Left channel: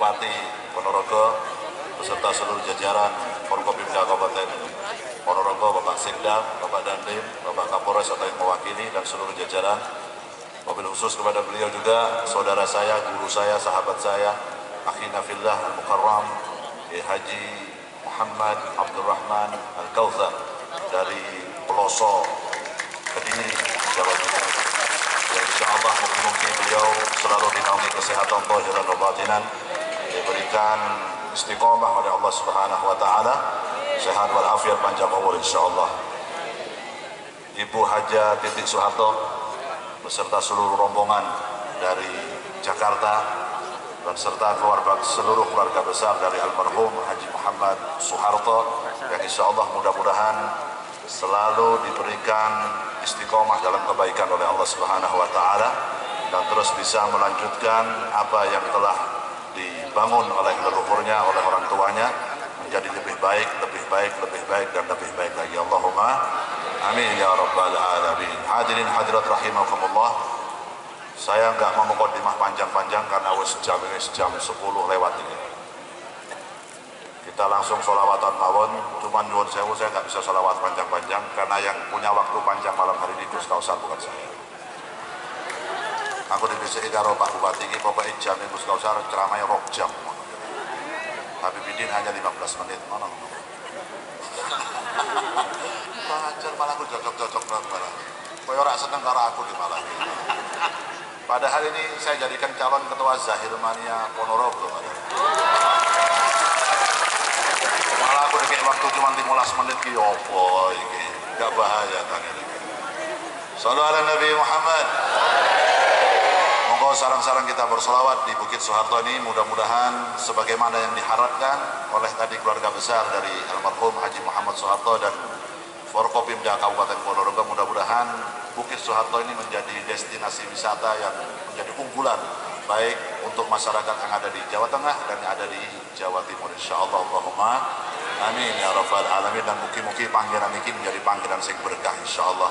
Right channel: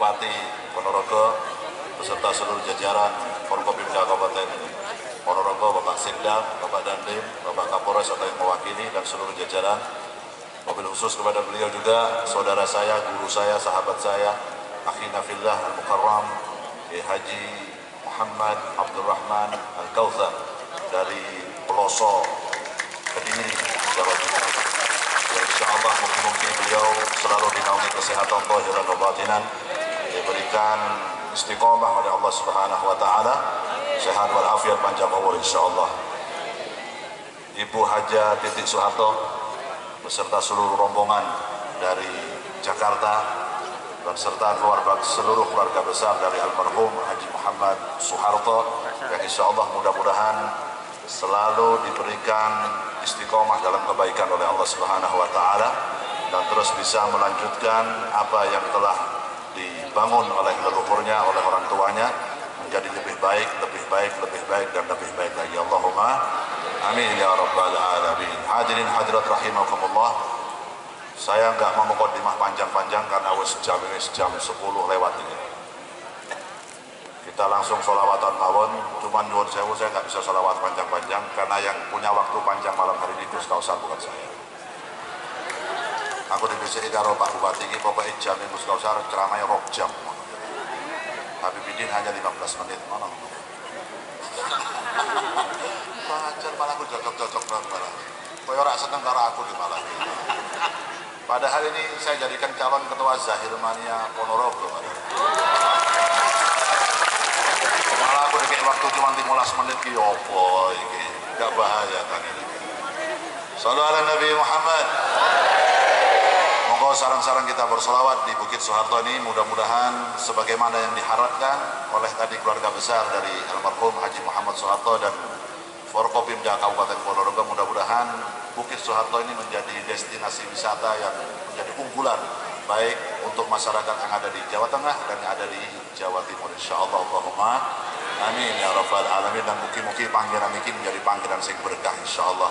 Bupati Ponorogo beserta seluruh jajaran Forkopimda Kabupaten Ponorogo, Bapak Sekda, Bapak Dandim, Bapak Kapolres atau yang mewakili dan seluruh jajaran. Mobil khusus kepada beliau juga saudara saya, guru saya, sahabat saya, akhina fillah al-mukarram Haji Muhammad Abdurrahman Al-Kautsar dari pelosok Kediri, Jawa Timur. Dan insya Allah mungkin beliau selalu dinaungi kesehatan zahiran wa batinan, diberikan istiqomah oleh Allah Subhanahu wa taala, sehat walafiat, panjang umur insya Allah. Ibu Haja Titik Soeharto beserta seluruh rombongan dari Jakarta dan serta seluruh keluarga besar dari almarhum Haji Muhammad Soeharto yang insya Allah mudah-mudahan selalu diberikan istiqomah dalam kebaikan oleh Allah Subhanahu wa taala dan terus bisa melanjutkan apa yang telah dibangun oleh leluhurnya, oleh orang tuanya menjadi lebih baik, lebih baik, lebih baik dan lebih baik lagi. Allahumma amin ya rabbal alamin. Hadirin hadirat rahimakumullah. Saya nggak mau mukadimah panjang-panjang karena jam 10 lewat ini. Kita langsung sholawatan mawon. Cuman nyuwun sewu, saya nggak bisa sholawat panjang-panjang karena yang punya waktu panjang malam hari ini Gus Kausar, bukan saya. Aku dibisiki karo Pak Bupati ini, pokoknya jam Gus Kausar ceramahnya rok jam. Habib Bidin hanya 15 menit. Mana? Pacar malah aku cocok-cocok malah. Koyo ora seneng karo aku di malah. Padahal ini saya jadikan calon ketua Zahir Mania Ponorogo. Malah aku dikasih waktu cuma 15 menit ki opo iki. Enggak bahaya kan ini. Shallallahu ala Nabi Muhammad. Monggo sarang-sarang kita bersolawat di Bukit Soeharto ini, mudah-mudahan sebagaimana yang diharapkan oleh tadi keluarga besar dari almarhum Haji Muhammad Soeharto dan Forkopimda Kabupaten Ponorogo, mudah-mudahan Bukit Soeharto ini menjadi destinasi wisata yang menjadi unggulan baik untuk masyarakat yang ada di Jawa Tengah dan yang ada di Jawa Timur insyaallah. Allahumma amin ya rabbal alamin. Dan mugi-mugi panggilan ini menjadi panggilan sing berkah insyaallah.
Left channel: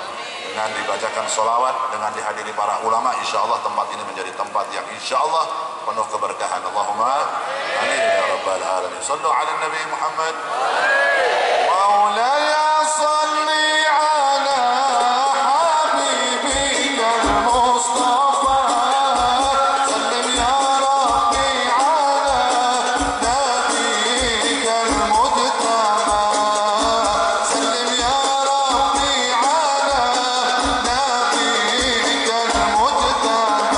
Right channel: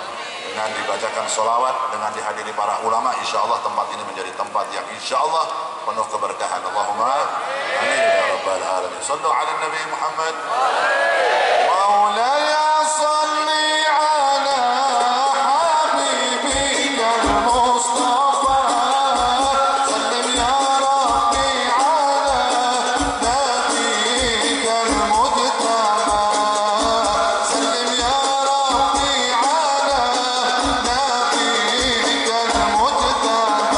Dengan dibacakan sholawat, dengan dihadiri para ulama, insyaallah tempat ini menjadi tempat yang insyaallah penuh keberkahan. Allahumma amin ya rabbal alamin. Sallu ala Nabi Muhammad. Maulaya salli ala habibika al-Mustafa. Sallim ya Rabbi ala nabiyika al-Mujtaba. Sallim ya Rabbi ala nabiyika al-Mujtaba.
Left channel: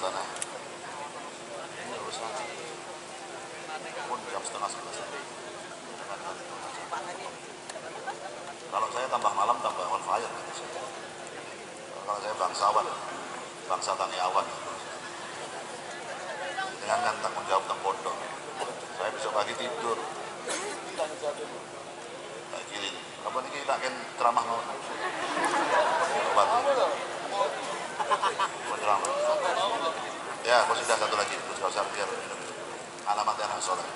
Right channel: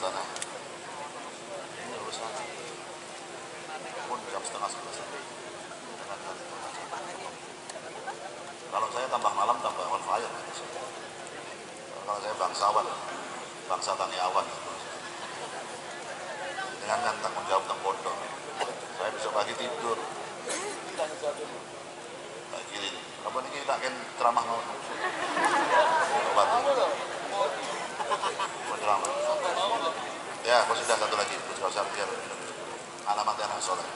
sana. Ini urusan pun jam setengah 11 nanti. Kalau saya tambah malam tambah on fire gitu saya. Kalau saya bangsawan, bangsa taniawan. Dengan kan tanggung jawab tentang pondok. Saya besok pagi tidur. Tak kiri. Apa ini tak kan ceramah mau? Obat. Ceramah. Ya, aku sudah satu lagi. Terus kau biar alamatnya anak soleh.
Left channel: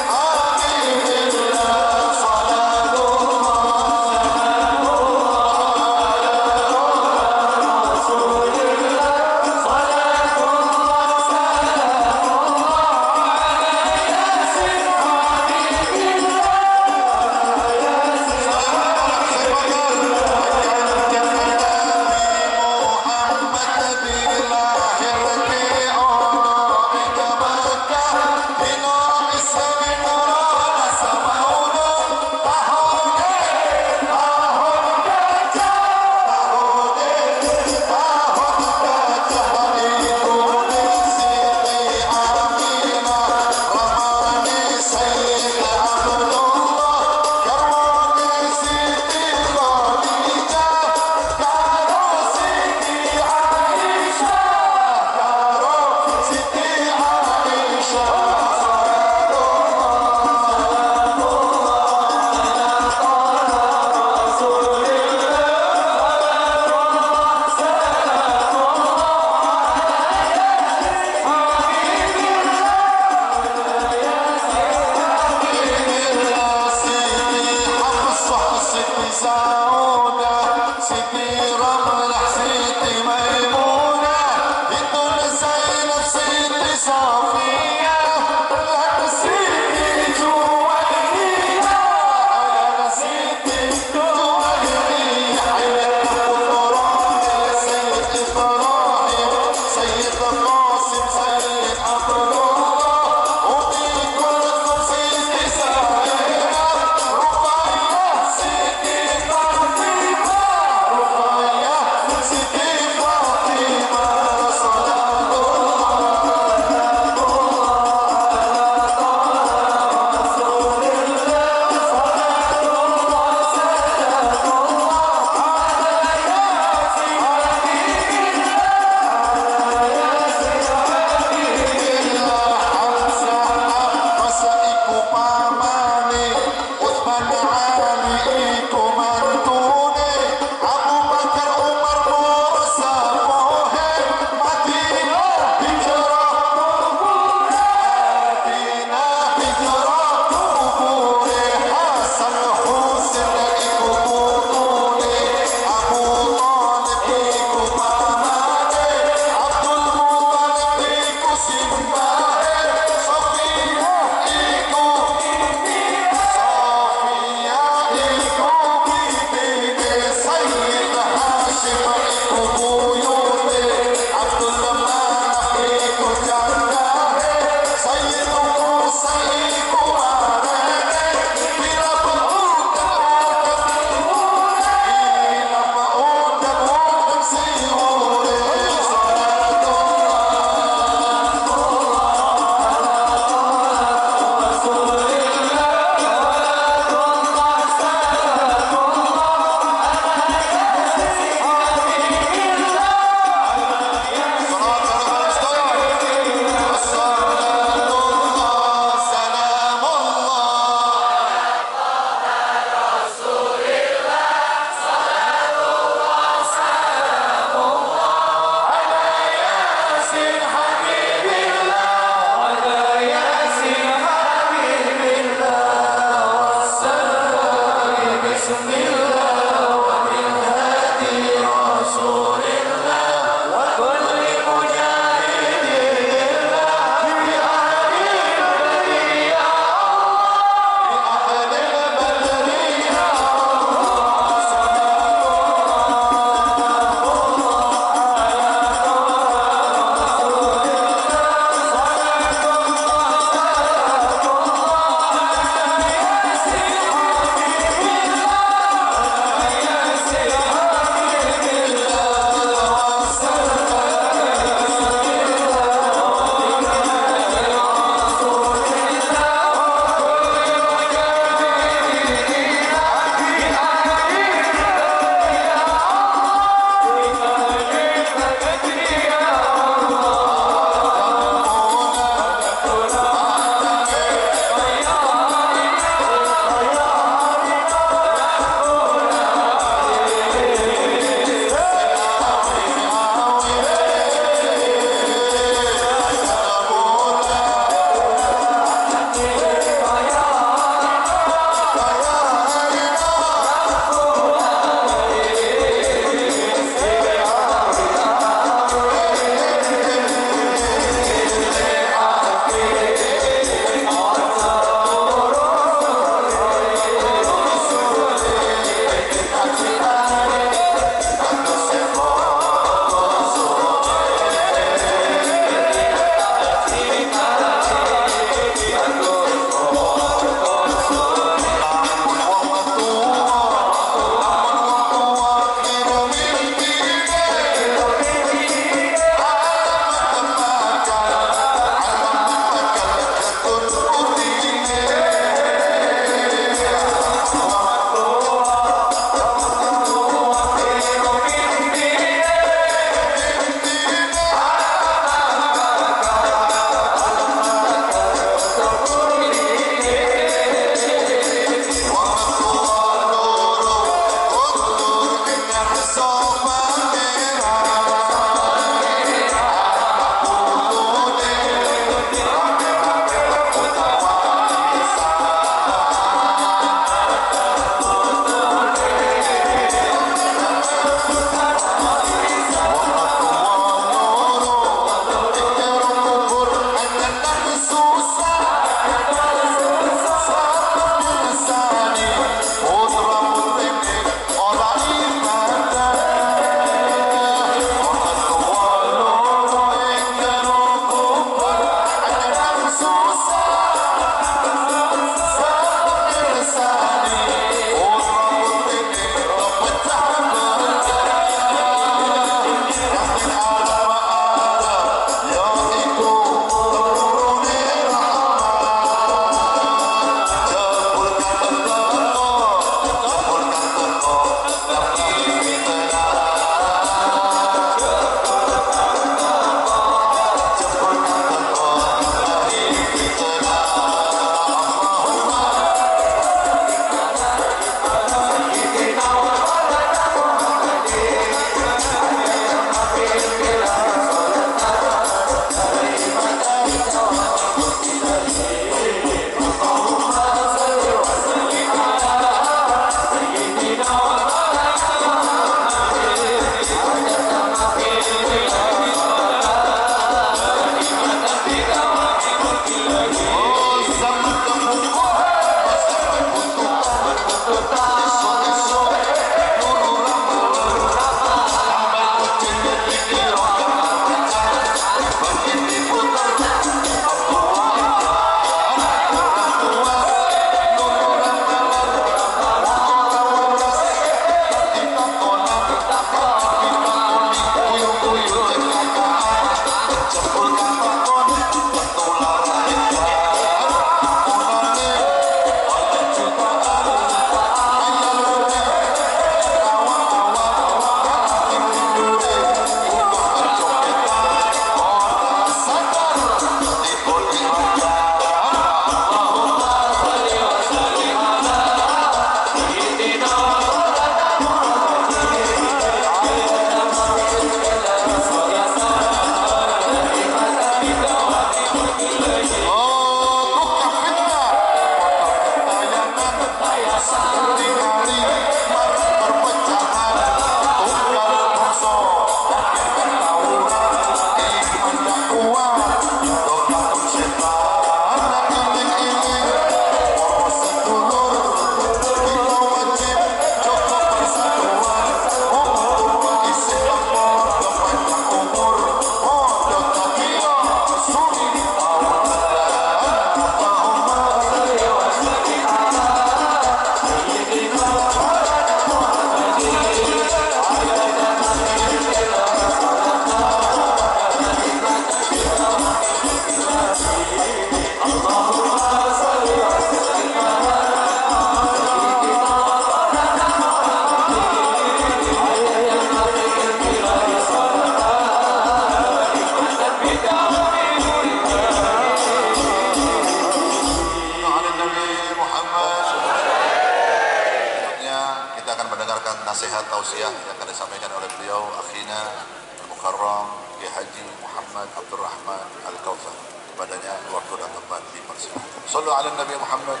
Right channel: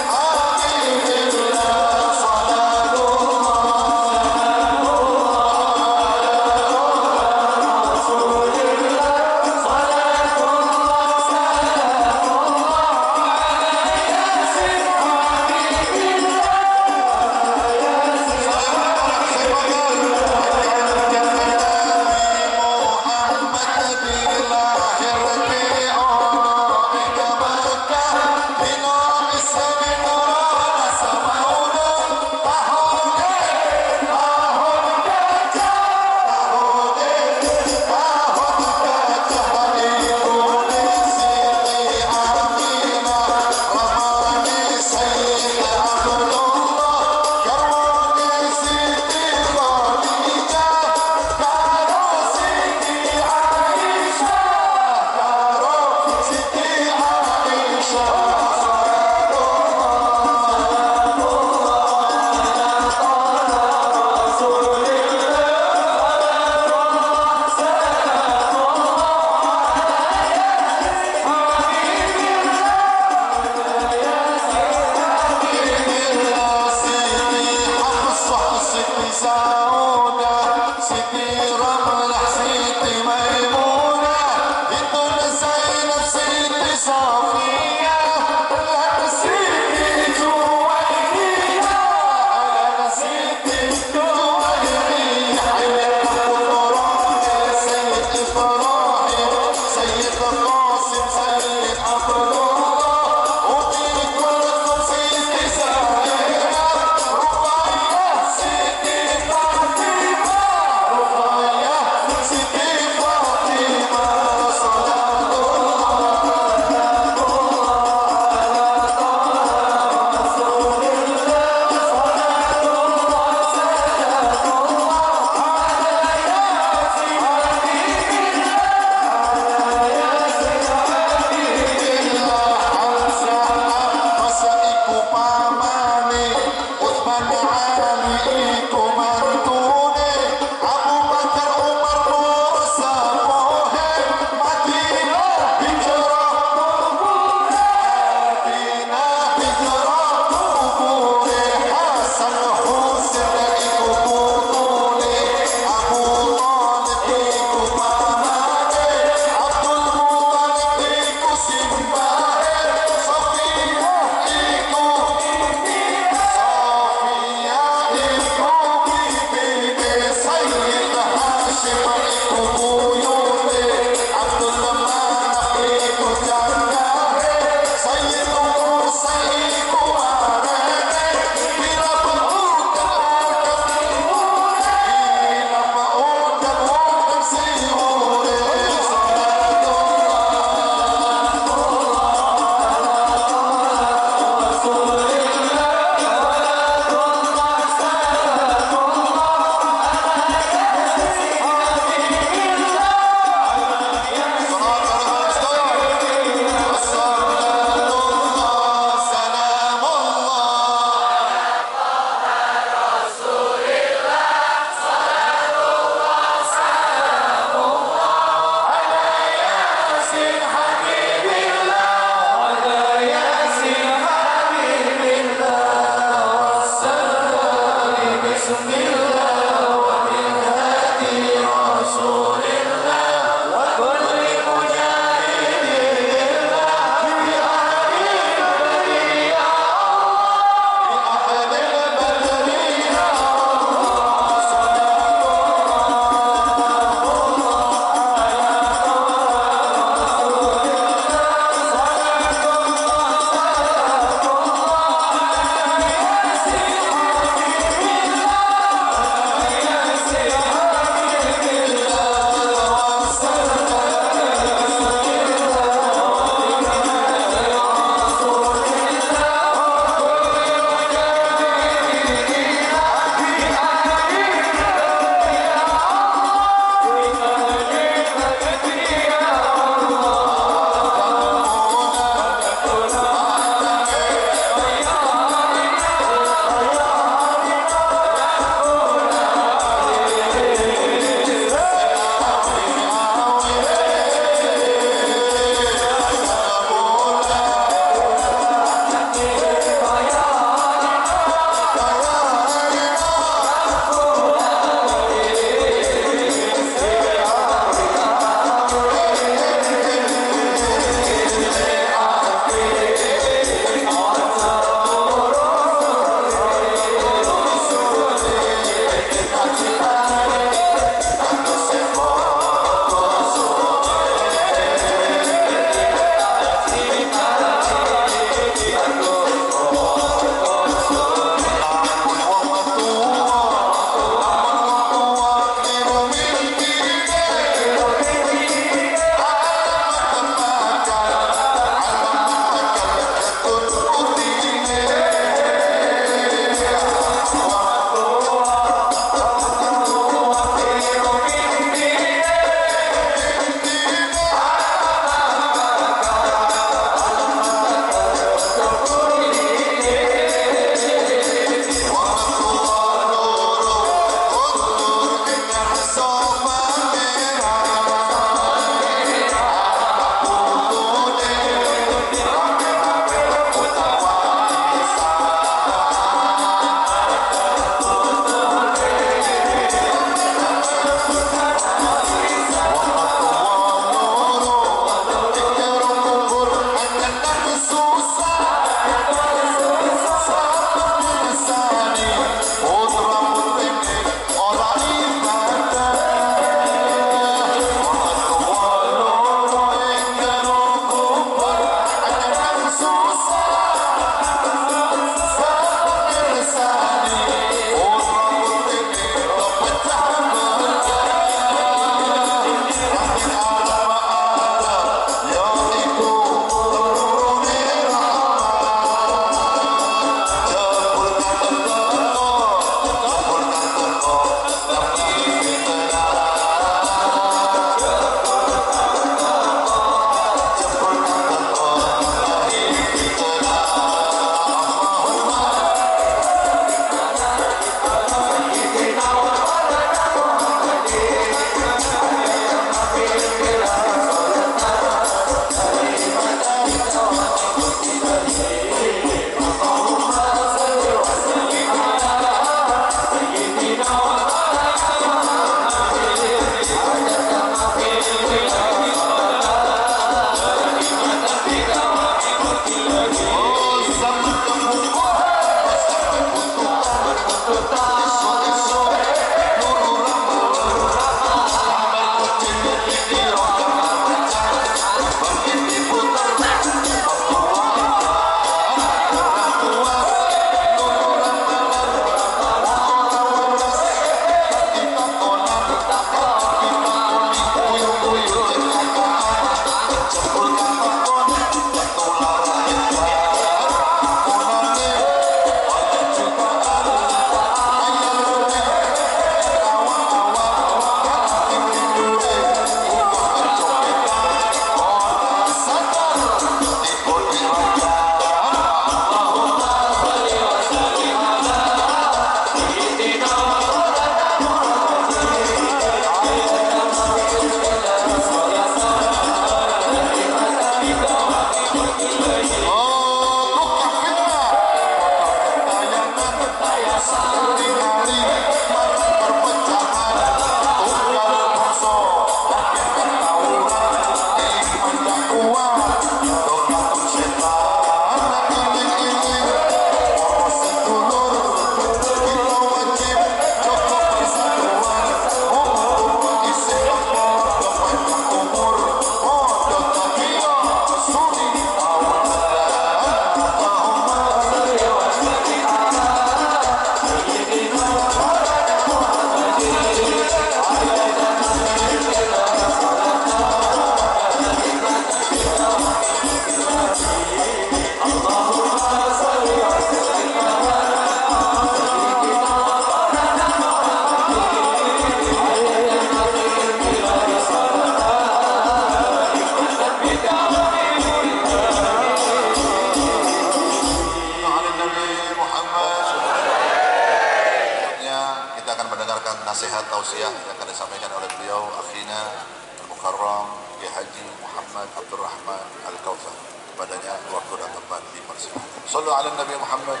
tausiah yang akan disampaikan oleh beliau akhina Al-Mukarram Kiai Haji Muhammad Abdurrahman Al-Kautsar. Kepadanya waktu dan tempat dipersilakan. Shallu ala Nabi Muhammad.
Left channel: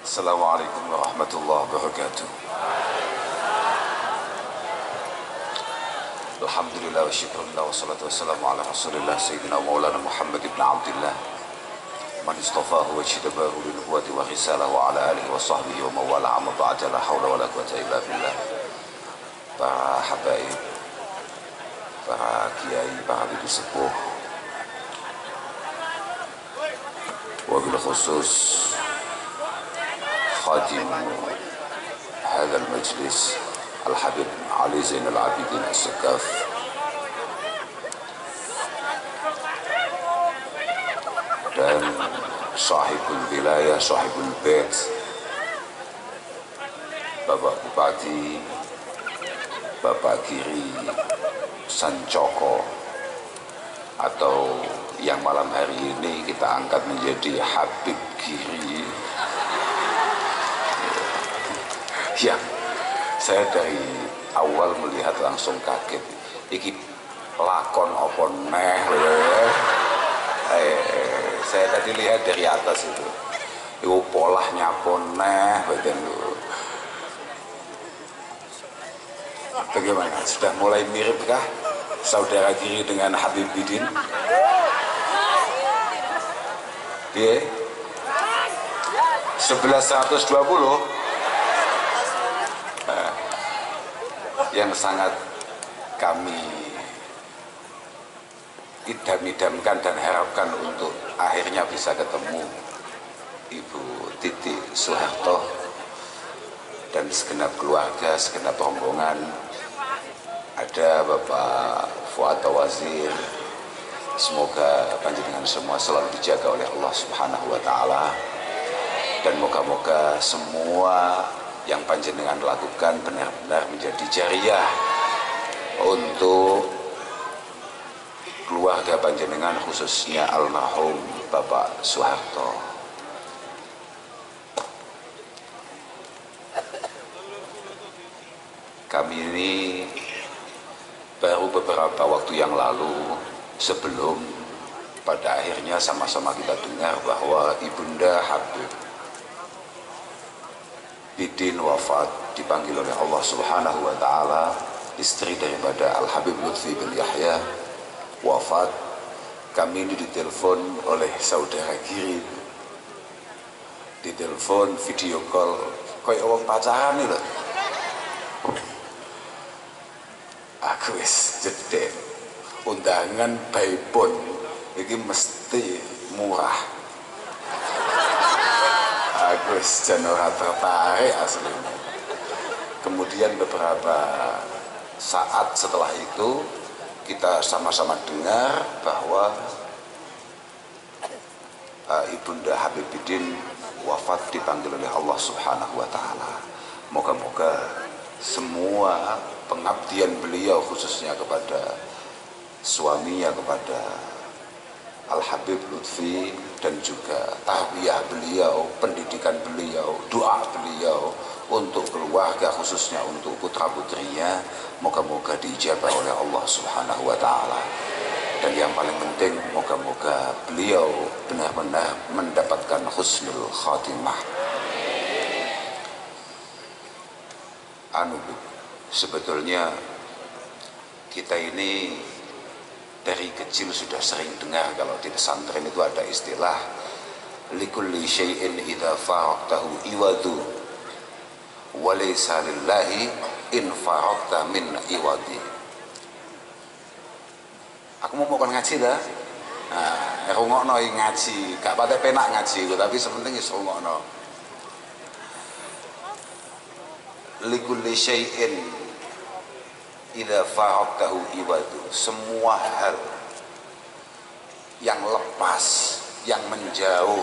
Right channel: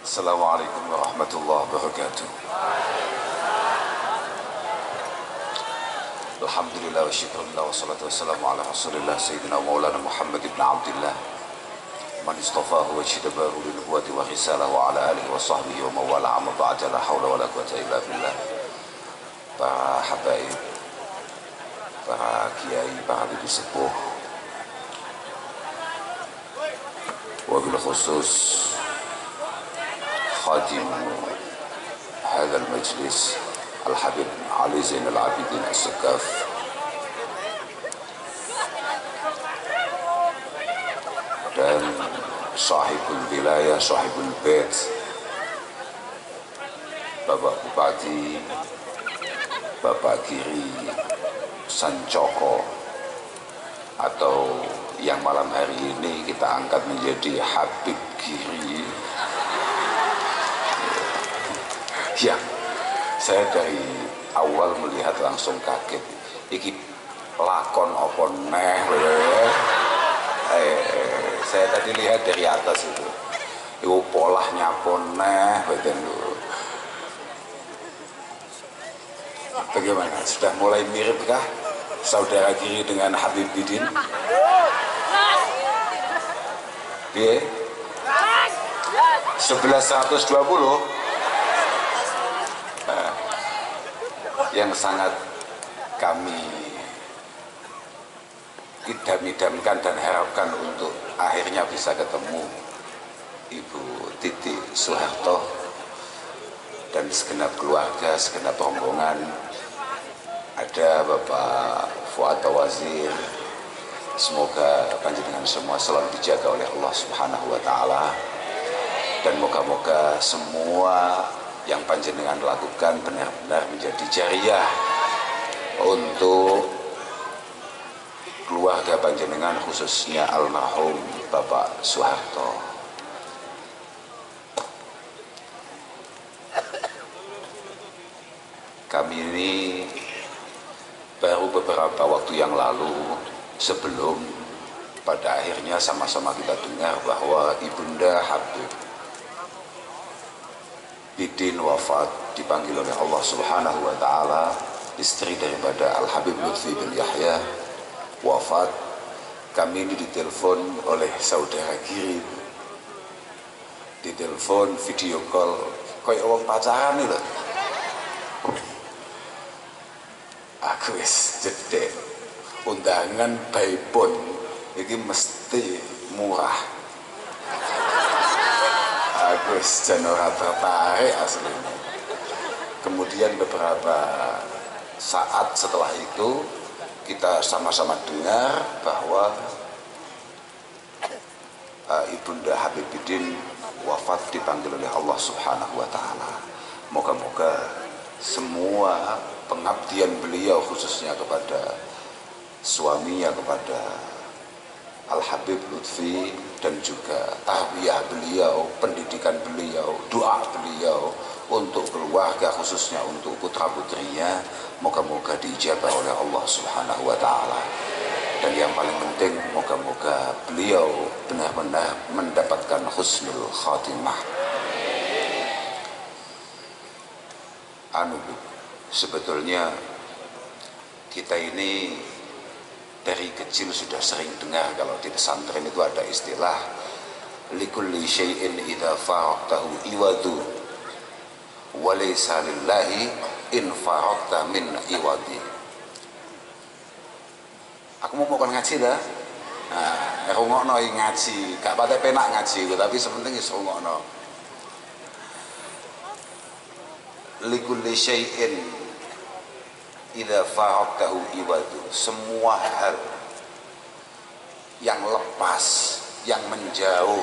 Assalamualaikum warahmatullahi wabarakatuh. Alhamdulillah wa syukurillah wa salatu wassalamu ala rasulillah Sayyidina Maulana Muhammad ibn Abdillah man istafahu wa jitabahu li nubuwati wa risalah wa ala alihi wa sahbihi wa mawala amma ba'da la hawla wa la quwata illa billah. Para habaib, para kiai, para bibi sepuh, wabil khusus خادم هذا المجلس الحبيب علي زين العابدين السقاف dan sahibul wilayah, sahibul bait, Bapak Bupati, Bapak Giri Sancoko, atau yang malam hari ini kita angkat menjadi Habib Giri. Ya, saya dari awal melihat langsung kaget. Iki lakon apa neh saya tadi lihat dari atas itu. Iku polahnya apa neh bagaimana? Sudah mulai miripkah saudara Giri dengan Habib Bidin? Iya. 1120 yang sangat kami idam-idamkan dan harapkan untuk akhirnya bisa ketemu Ibu Titi Soeharto dan segenap keluarga, segenap rombongan. Ada Bapak Fuad Wazir. Semoga panjenengan semua selalu dijaga oleh Allah Subhanahu wa Ta'ala, dan moga-moga semua yang panjenengan lakukan benar-benar menjadi jariah untuk keluarga panjenengan, khususnya almarhum Bapak Soeharto. Kami ini baru beberapa waktu yang lalu, sebelum pada akhirnya sama-sama kita dengar bahwa Ibunda Habib Bidin wafat, dipanggil oleh Allah Subhanahu wa Ta'ala, istri daripada Al-Habib Lutfi bin Yahya wafat. Kami ini ditelepon oleh saudara Giri, ditelepon video call kayak orang pacaran nih loh. Aku wis jedek, undangan baipun ini mesti murah. Agus Janora tertarik aslinya. Kemudian beberapa saat setelah itu kita sama-sama dengar bahwa Ibunda Habib Bidin wafat, dipanggil oleh Allah Subhanahu wa Ta'ala. Moga-moga semua pengabdian beliau, khususnya kepada suaminya, kepada Al-Habib Lutfi, dan juga tarbiyah beliau, pendidikan beliau, doa beliau untuk keluarga, khususnya untuk putra-putrinya, moga-moga diijabah oleh Allah Subhanahu wa Ta'ala. Dan yang paling penting, moga-moga beliau benar-benar mendapatkan husnul khatimah. Sebetulnya kita ini dari kecil sudah sering dengar kalau di pesantren itu ada istilah likulli syai'in idza faraqtahu iwadu wa laysa lillahi in faraqta min iwadi. Aku mau ngaji dah. Nah, rungokno ngaji, gak pate penak ngaji, tapi sepenting wis rungokno. Likulli syai'in idza faraqtahu iwadu, semua hal yang lepas, yang menjauh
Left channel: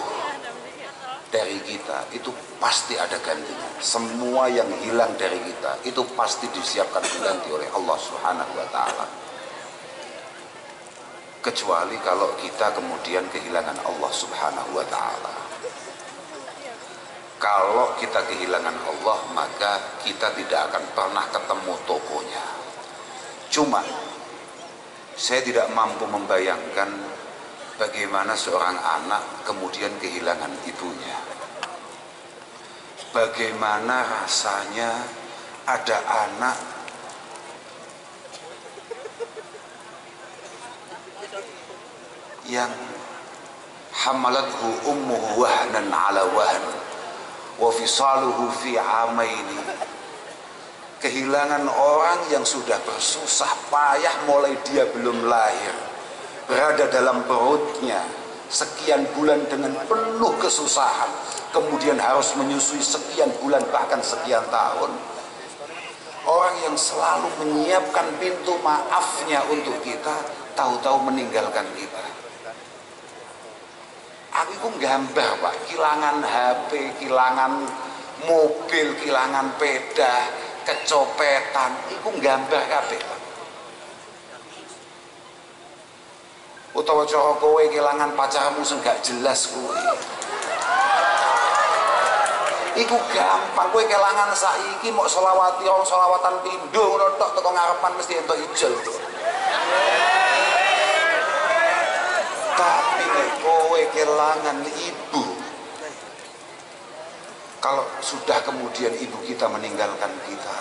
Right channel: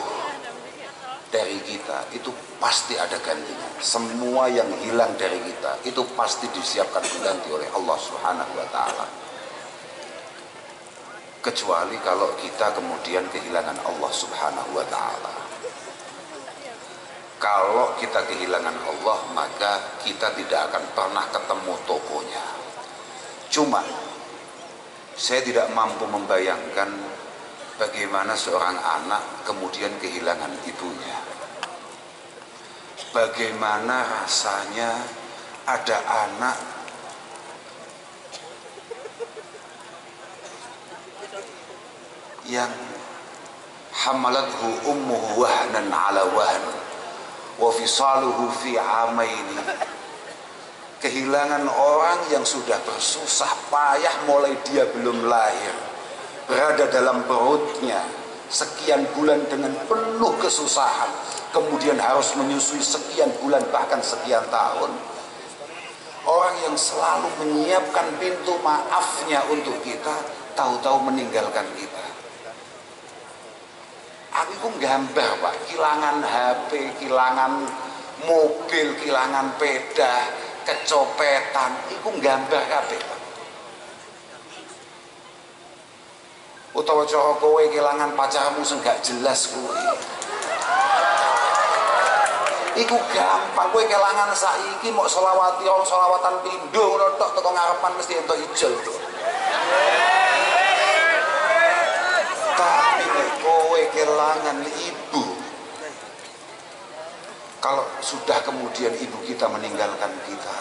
dari kita itu pasti ada gantinya. Semua yang hilang dari kita itu pasti disiapkan ganti oleh Allah Subhanahu wa Ta'ala. kecuali kalau kita kemudian kehilangan Allah Subhanahu wa Ta'ala. Kalau kita kehilangan Allah, maka kita tidak akan pernah ketemu tokonya. Cuma saya tidak mampu membayangkan bagaimana seorang anak kemudian kehilangan ibunya. Bagaimana rasanya ada anak yang hamalathu ummuhu wahnan ala wahn wa fisaluhu fi amaini. Kehilangan orang yang sudah bersusah payah mulai dia belum lahir, berada dalam perutnya sekian bulan dengan penuh kesusahan, kemudian harus menyusui sekian bulan bahkan sekian tahun. Orang yang selalu menyiapkan pintu maafnya untuk kita, tahu-tahu meninggalkan kita. Aku gambar Pak, kehilangan HP, kehilangan mobil, kehilangan sepeda, kecopetan, itu gambar kabeh Pak. Utawa cara kowe kehilangan pacarmu sing gak jelas kowe. Iku gampang, kowe kelangan saiki mau selawati orang selawatan pindho ngono tok teko ngarepan mesti entuk ijol. Tapi nek kowe kelangan ibu, kalau sudah kemudian ibu kita meninggalkan kita,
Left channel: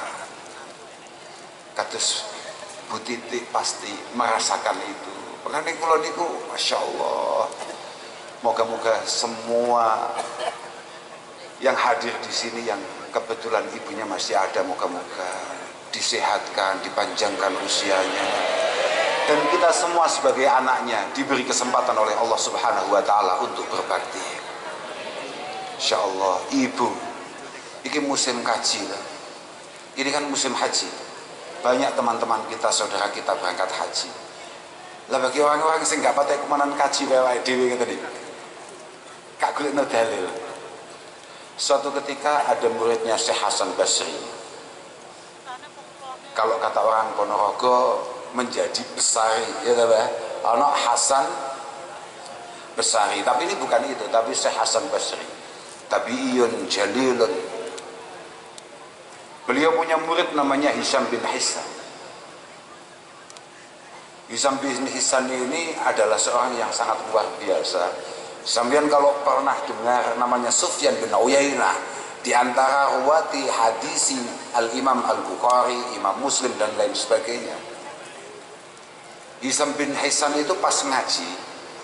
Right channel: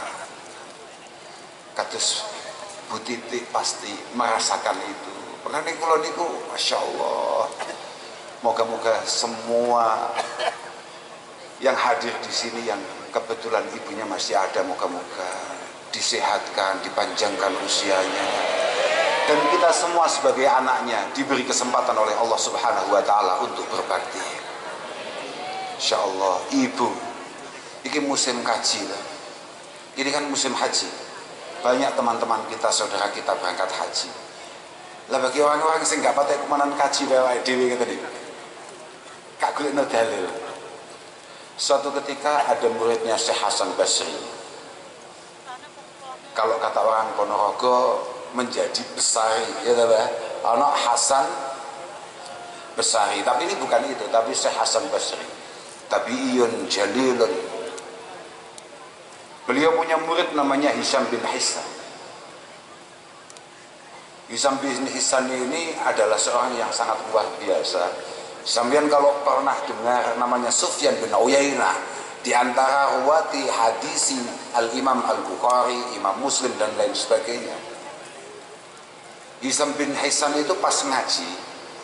kados Bu Titik pasti merasakan itu. Pengen kula niku Masya Allah, moga-moga semua yang hadir di sini yang kebetulan ibunya masih ada, moga-moga disehatkan, dipanjangkan usianya, dan kita semua sebagai anaknya diberi kesempatan oleh Allah Subhanahu wa Ta'ala untuk berbakti. Insya Allah. Ibu, ini musim kaji lah. Ini kan musim haji, banyak teman-teman kita, saudara kita berangkat haji. Lah bagi orang-orang yang nggak pakai kemanan kaji lewat dewi kata dia, kak kulit no dalil. Suatu ketika ada muridnya Syekh Hasan Basri. Kalau kata orang Ponorogo menjadi besari, ya tahu anak Hasan Basri. Tapi ini bukan itu, tapi Syekh Hasan Basri. Tabi'iyun jalilun. Beliau punya murid namanya Hisham bin Hissan. Hisham bin Hissan ini adalah seorang yang sangat luar biasa. Sampeyan kalau pernah dengar namanya Sufyan bin Uyainah, di antara ruwati hadisi Al-Imam Al-Bukhari, Imam Muslim dan lain sebagainya. Hisham bin Hissan itu pas ngaji,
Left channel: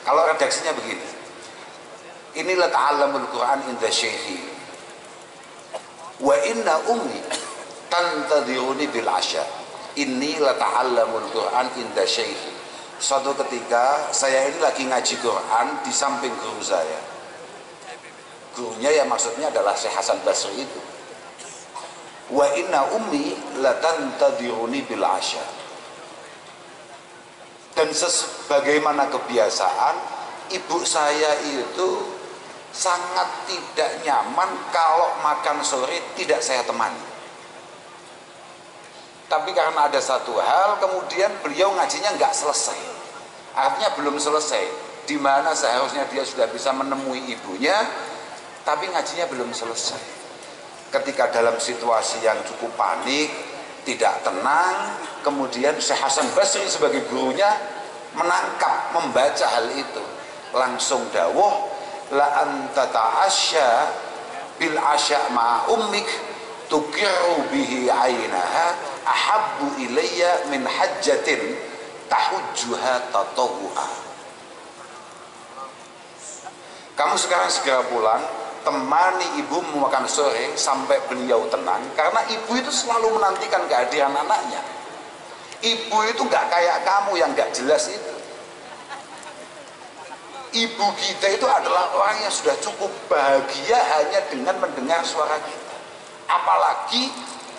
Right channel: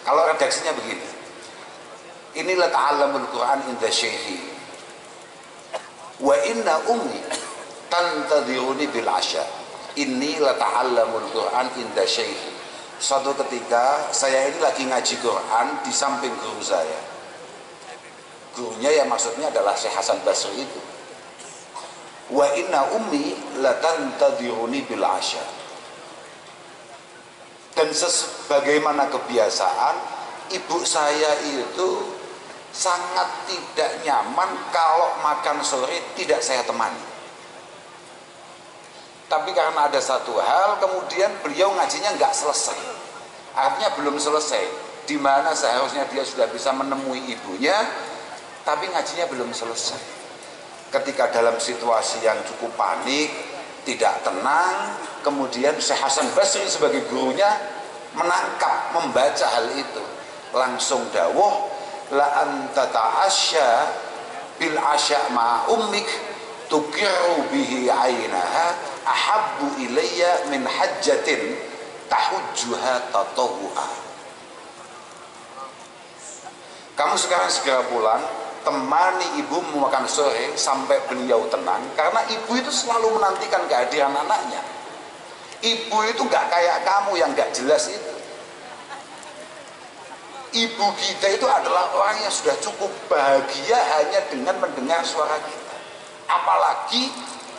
kalau redaksinya begini, inilah ta'allamul Quran inda syekhi wa inna ummi tantadhiruni bil asya. Inilah ta'allamul Quran inda syekhi. Suatu ketika saya ini lagi ngaji Quran di samping guru saya. Gurunya ya maksudnya adalah Syekh Hasan Basri itu. Wa inna ummi latantadhiruni bil asya. Dan sebagaimana kebiasaan, ibu saya itu sangat tidak nyaman kalau makan sore tidak saya temani. Tapi karena ada satu hal, kemudian beliau ngajinya nggak selesai. Artinya belum selesai. Di mana seharusnya dia sudah bisa menemui ibunya, tapi ngajinya belum selesai. Ketika dalam situasi yang cukup panik, tidak tenang, kemudian Syekh Hasan Basri sebagai gurunya menangkap, membaca hal itu. Langsung dawuh, la anta ta'asya bil asya ma ummik tukiru bihi ainaha ahabbu ilayya min hajjatin tahujjuha tatawu'a. Kamu sekarang segera pulang, temani ibumu makan sore sampai beliau tenang, karena ibu itu selalu menantikan kehadiran anaknya. Ibu itu gak kayak kamu yang gak jelas itu. Ibu kita itu adalah orang yang sudah cukup bahagia hanya dengan mendengar suara kita. Apalagi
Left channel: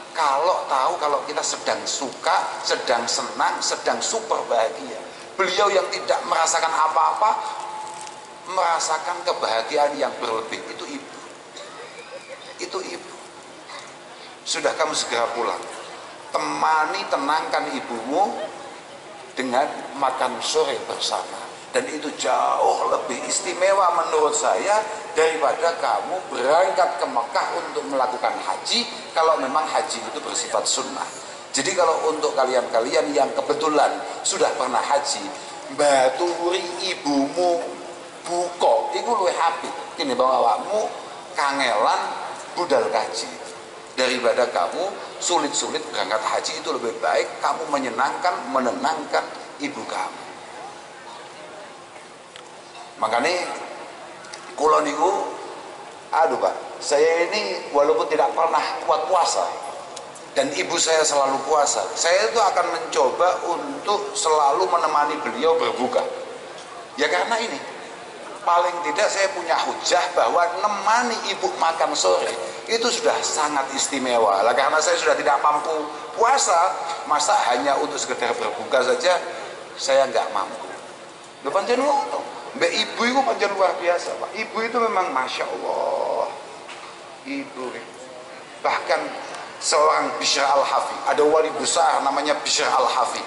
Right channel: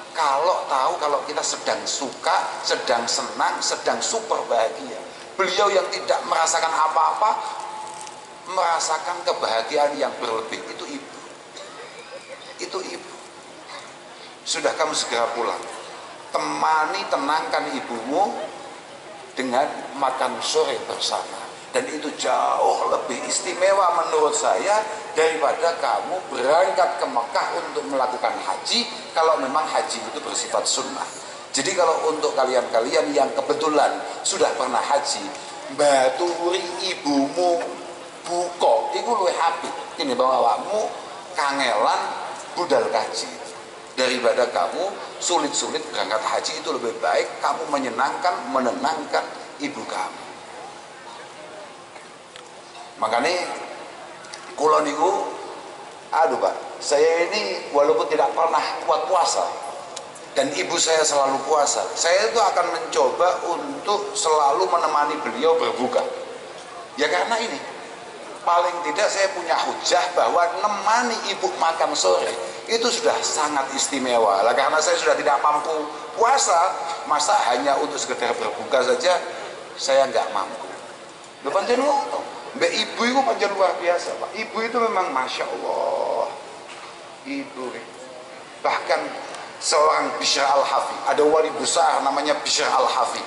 kalau tahu kalau kita sedang suka, sedang senang, sedang super bahagia. Beliau yang tidak merasakan apa-apa, merasakan kebahagiaan yang berlebih, itu ibu. Itu ibu. Sudah, kamu segera pulang. Temani, tenangkan ibumu, dengan makan sore bersama. Dan itu jauh lebih istimewa menurut saya daripada kamu berangkat ke Mekah untuk melakukan haji, kalau memang haji itu bersifat sunnah. Jadi kalau untuk kalian-kalian yang kebetulan sudah pernah haji, baturi ibumu buko iku luwih apik tinimbang awakmu kangelan budal kaji. Daripada kamu sulit-sulit berangkat haji, itu lebih baik kamu menenangkan ibu kamu. Makanya kula niku, aduh Pak, saya ini walaupun tidak pernah kuat puasa dan ibu saya selalu puasa, saya itu akan mencoba untuk selalu menemani beliau berbuka. Ya karena ini, paling tidak saya punya hujah bahwa nemani ibu makan sore itu sudah sangat istimewa. Lah karena saya sudah tidak mampu puasa, masa hanya untuk sekedar berbuka saja saya nggak mampu. Lho pancen ngono. Mbak ibu itu pancen luar biasa, Pak. Ibu itu memang Masya Allah. Ibu bahkan seorang Bishr Al-Hafi, ada wali besar namanya Bishr Al-Hafi,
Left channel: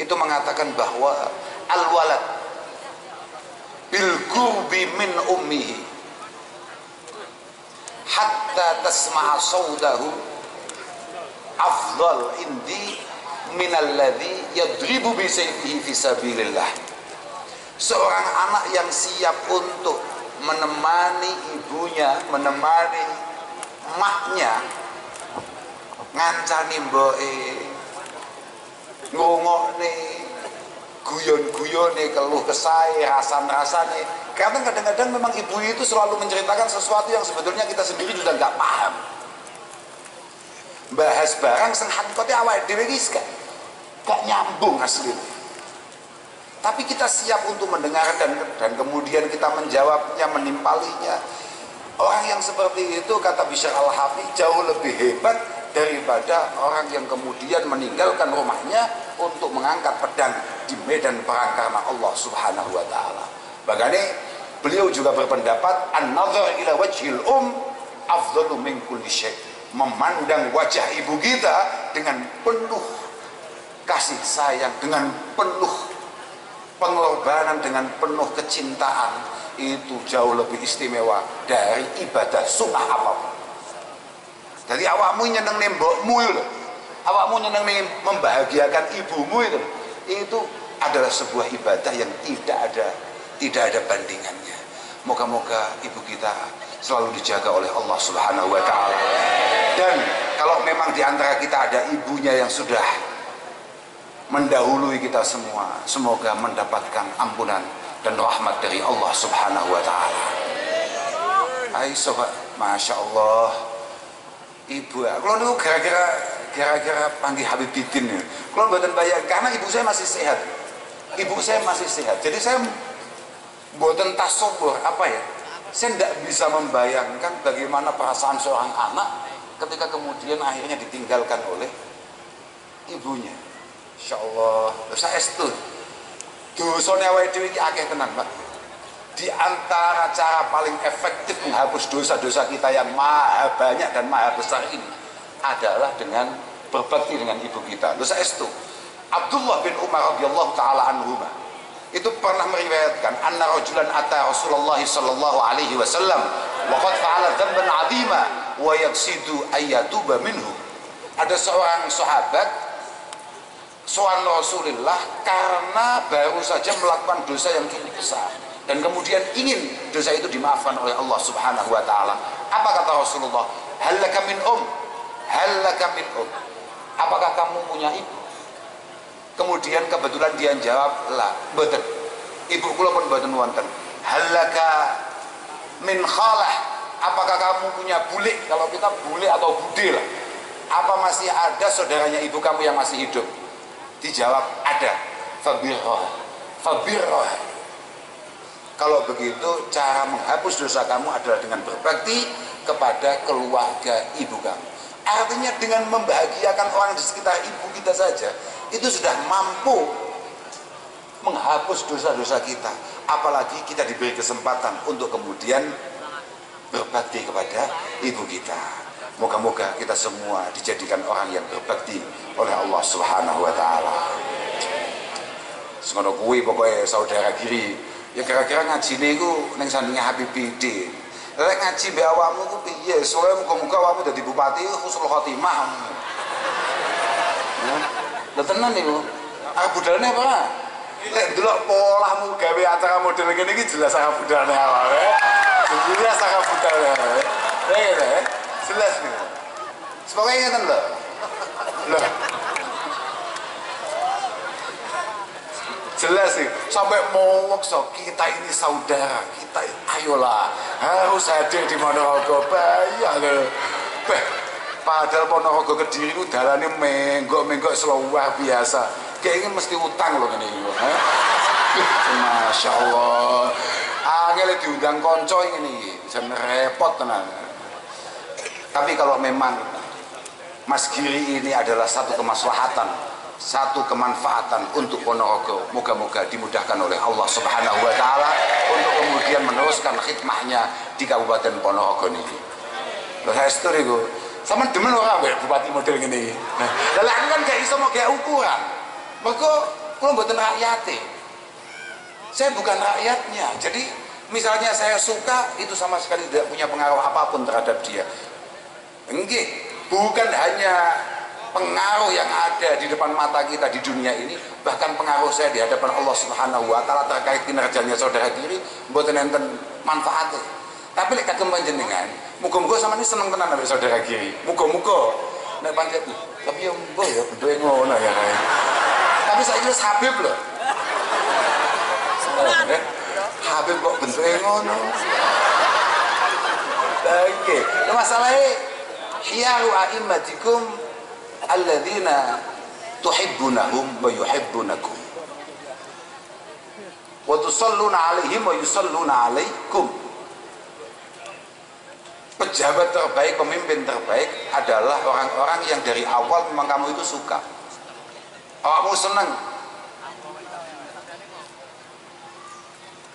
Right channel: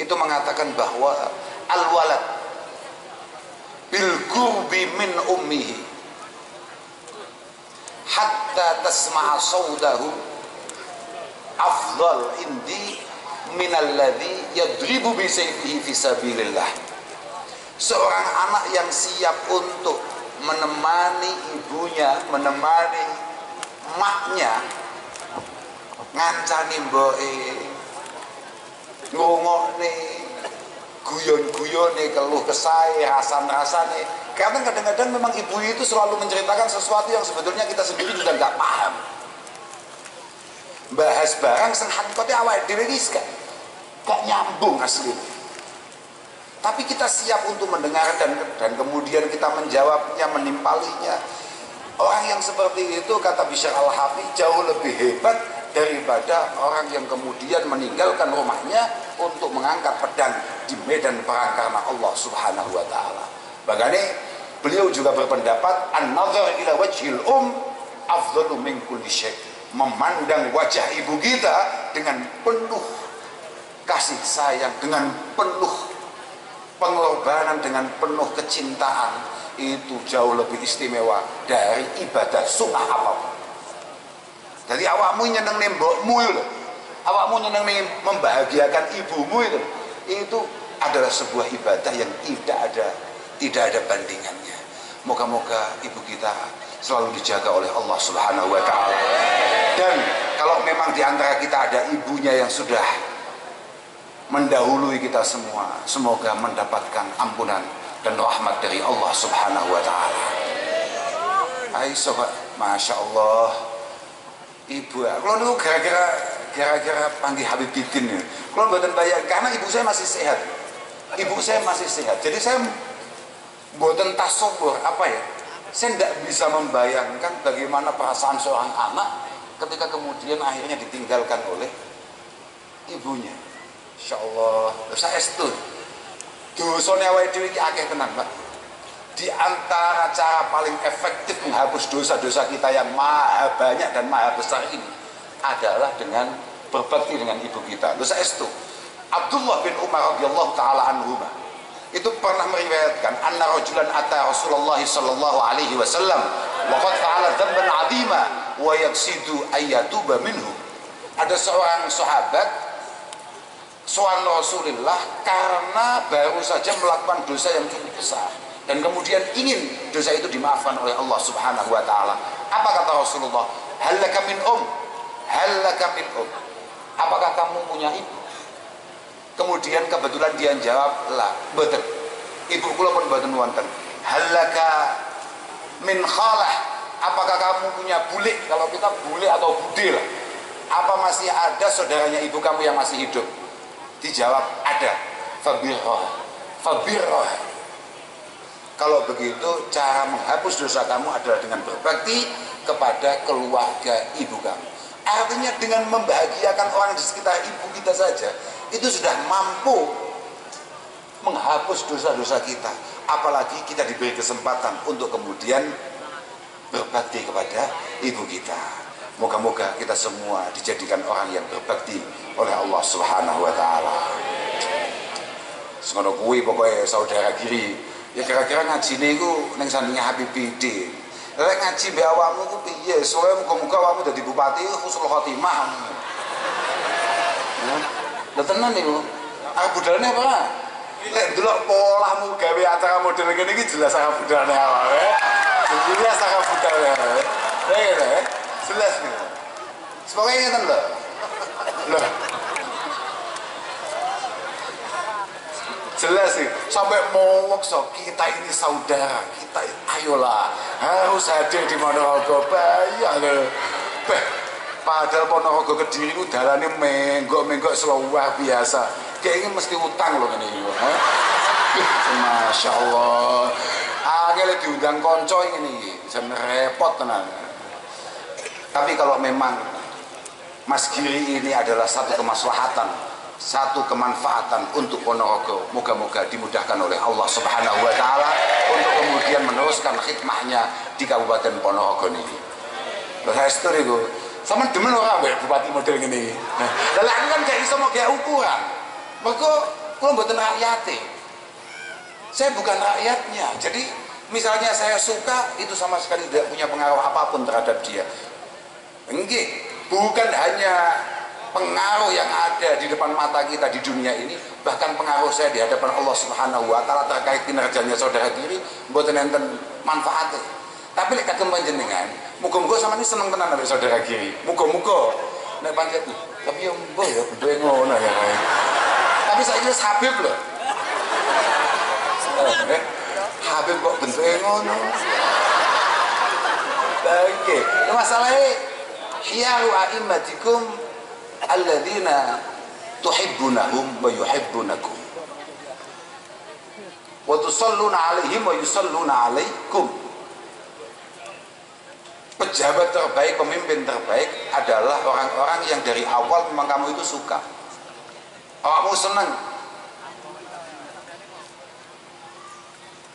itu mengatakan bahwa al-walad bil qurbi min ummihi hatta tasma'a sawdahu afdal indi minalladzi yadribu bi sayfihi fi sabilillah. Seorang anak yang siap untuk menemani ibunya, menemani maknya, ngancani mboke, ngrungokne guyon-guyone, keluh kesae, rasan-rasane. Karena kadang-kadang memang ibu itu selalu menceritakan sesuatu yang sebetulnya kita sendiri juga nggak paham. Bahas barang sing hakikate awake dhewe iki gak nyambung asline. Tapi kita siap untuk mendengar dan kemudian kita menjawabnya, menimpalinya. Orang yang seperti itu, kata Bishr Al-Hafi, jauh lebih hebat daripada orang yang kemudian meninggalkan rumahnya untuk mengangkat pedang di medan perang karena Allah Subhanahu wa taala. Makanya beliau juga berpendapat an-nazar ila wajhil afdalu min kulli syai'. Memandang wajah ibu kita dengan penuh kasih sayang, dengan penuh pengorbanan, dengan penuh kecintaan, itu jauh lebih istimewa dari ibadah sunnah apapun. Jadi awakmu nyeneng mbokmu itu, awakmu nyeneng membahagiakan ibumu itu adalah sebuah ibadah yang tidak ada bandingannya. Moga-moga ibu kita selalu dijaga oleh Allah Subhanahu wa taala. Dan kalau memang di antara kita ada ibunya yang sudah mendahului kita semua, semoga mendapatkan ampunan dan rahmat dari Allah Subhanahu wa taala. Hai sobat, Masya Allah, ibu, kalau niku gara-gara panggil Habib Bidin nih, kalau mboten bayang karena ibu saya masih sehat. Ibu saya masih sehat, jadi saya mboten tasawur apa ya, saya tidak bisa membayangkan bagaimana perasaan seorang anak ketika kemudian akhirnya ditinggalkan oleh ibunya. Insya Allah, saya itu dosane awake dhewe iki akeh tenan, Pak. Di antara cara paling efektif menghapus dosa-dosa kita yang maha banyak dan maha besar ini adalah dengan berbakti dengan ibu kita. Saya itu Abdullah bin Umar radhiyallahu taala anhuma itu pernah meriwayatkan anna rajulan ata Rasulullah sallallahu alaihi wasallam wa qad fa'ala dhanban 'azima wa yaqsidu ayyatuba minhu. Ada seorang sahabat soal Rasulullah karena baru saja melakukan dosa yang cukup besar dan kemudian ingin dosa itu dimaafkan oleh Allah Subhanahu wa taala. Apa kata Rasulullah? Halaka min halaka min apakah kamu punya ibu? Kemudian kebetulan dia jawab, la, mboten. Ibu kula pun mboten wonten. Halaka min khalah, apakah kamu punya bule? Kalau kita bule atau bude lah. Apa masih ada saudaranya ibu kamu yang masih hidup? Dijawab ada. Fabirroh. Kalau begitu cara menghapus dosa kamu adalah dengan berbakti kepada keluarga ibu kamu. Artinya dengan membahagiakan orang di sekitar ibu kita saja itu sudah mampu menghapus dosa-dosa kita. Apalagi kita diberi kesempatan untuk kemudian berbakti kepada ibu kita. Moga-moga kita semua dijadikan orang yang berbakti oleh Allah Subhanahu wa taala. Ngono kuwi pokoke saudara kiri. Ya kira-kira ngajine iku ning sandinge Habib Bidin. Lek ngaji mbek awakmu ku piye? Soale muga-muga awakmu dadi bupati husnul khotimah. Lha tenan niku. Arep budalane apa? Lek ndelok polahmu gawe acara model ngene iki jelas arep budalane awake. Jelas arep budalane. Ya, jelas niku. Semoga ngeten lho. Lho. Jelas sih, sampai mau so kita ini saudara, kita ayolah harus hadir di Ponorogo. Bayang loh, padahal Ponorogo Kediri itu dalane menggok-menggok luar biasa. Kayaknya mesti utang loh ini. Masya Allah, angel diundang konco ini, jangan repot tenan. Tapi kalau memang Mas Giri ini adalah satu kemaslahatan, satu kemanfaatan untuk Ponorogo, moga-moga dimudahkan oleh Allah Subhanahu wa taala untuk kemudian meneruskan khidmahnya di Kabupaten Ponorogo ini. Lha saestu niku, sampean demen ora mbek bupati model ngene iki. Lah aku kan gak iso mau gawe ukuran. Mergo kula mboten rakyate. Saya bukan rakyatnya. Jadi misalnya saya suka, itu sama sekali tidak punya pengaruh apapun terhadap dia. Enggak, bukan hanya pengaruh yang ada di depan mata kita di dunia ini, bahkan pengaruh saya di hadapan Allah Subhanahu wa taala terkait kinerjanya saudara kiri mboten enten manfaate. Tapi lek kagem panjenengan, muga-muga sampeyan seneng tenan ambek saudara kiri. Muga-muga nek pancet tapi yo mbok ya bentuke ngono ya kae. Tapi saiki wis Habib lho. Habib kok bentuke ngono. Oke, masalahnya hiyaru a'immatikum alladzina tuhibbunahum wa yuhibbunakum wa tusalluna alaihim wa yusalluna alaikum. Pejabat terbaik, pemimpin terbaik adalah orang-orang yang dari awal memang kamu itu suka, awakmu senang,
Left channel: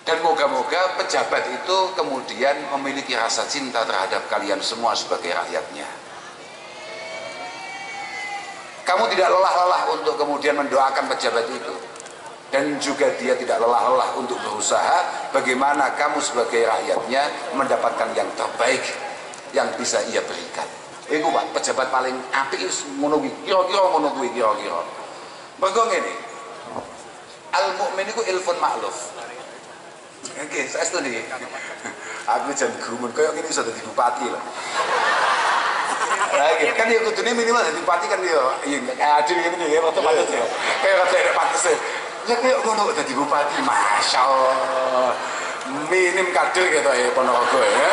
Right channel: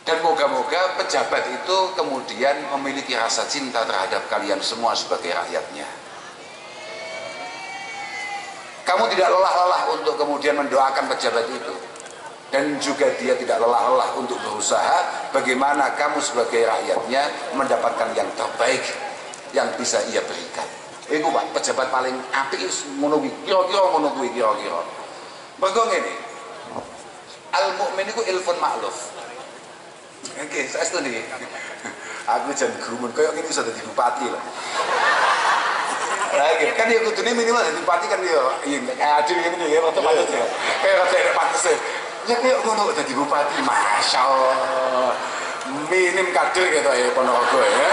dan moga-moga pejabat itu kemudian memiliki rasa cinta terhadap kalian semua sebagai rakyatnya. Kamu tidak lelah-lelah untuk kemudian mendoakan pejabat itu, dan juga dia tidak lelah-lelah untuk berusaha bagaimana kamu sebagai rakyatnya mendapatkan yang terbaik yang bisa ia berikan. Iku Pak, pejabat paling apik ngono kuwi. Kira-kira ngono kuwi kira-kira. Mergo ngene. Al mukmin iku ilfun ma'luf. Oke, saya setuju. Aku jan gumun koyo ngene iso dadi bupati lho. Lagi kan ya kudune minimal dadi bupati kan ya adil ngene ya rada pantes ya. Kayak rada pantes. Ya kayak ngono dadi bupati, masyaallah. Minim kader gitu ya Ponorogo ya.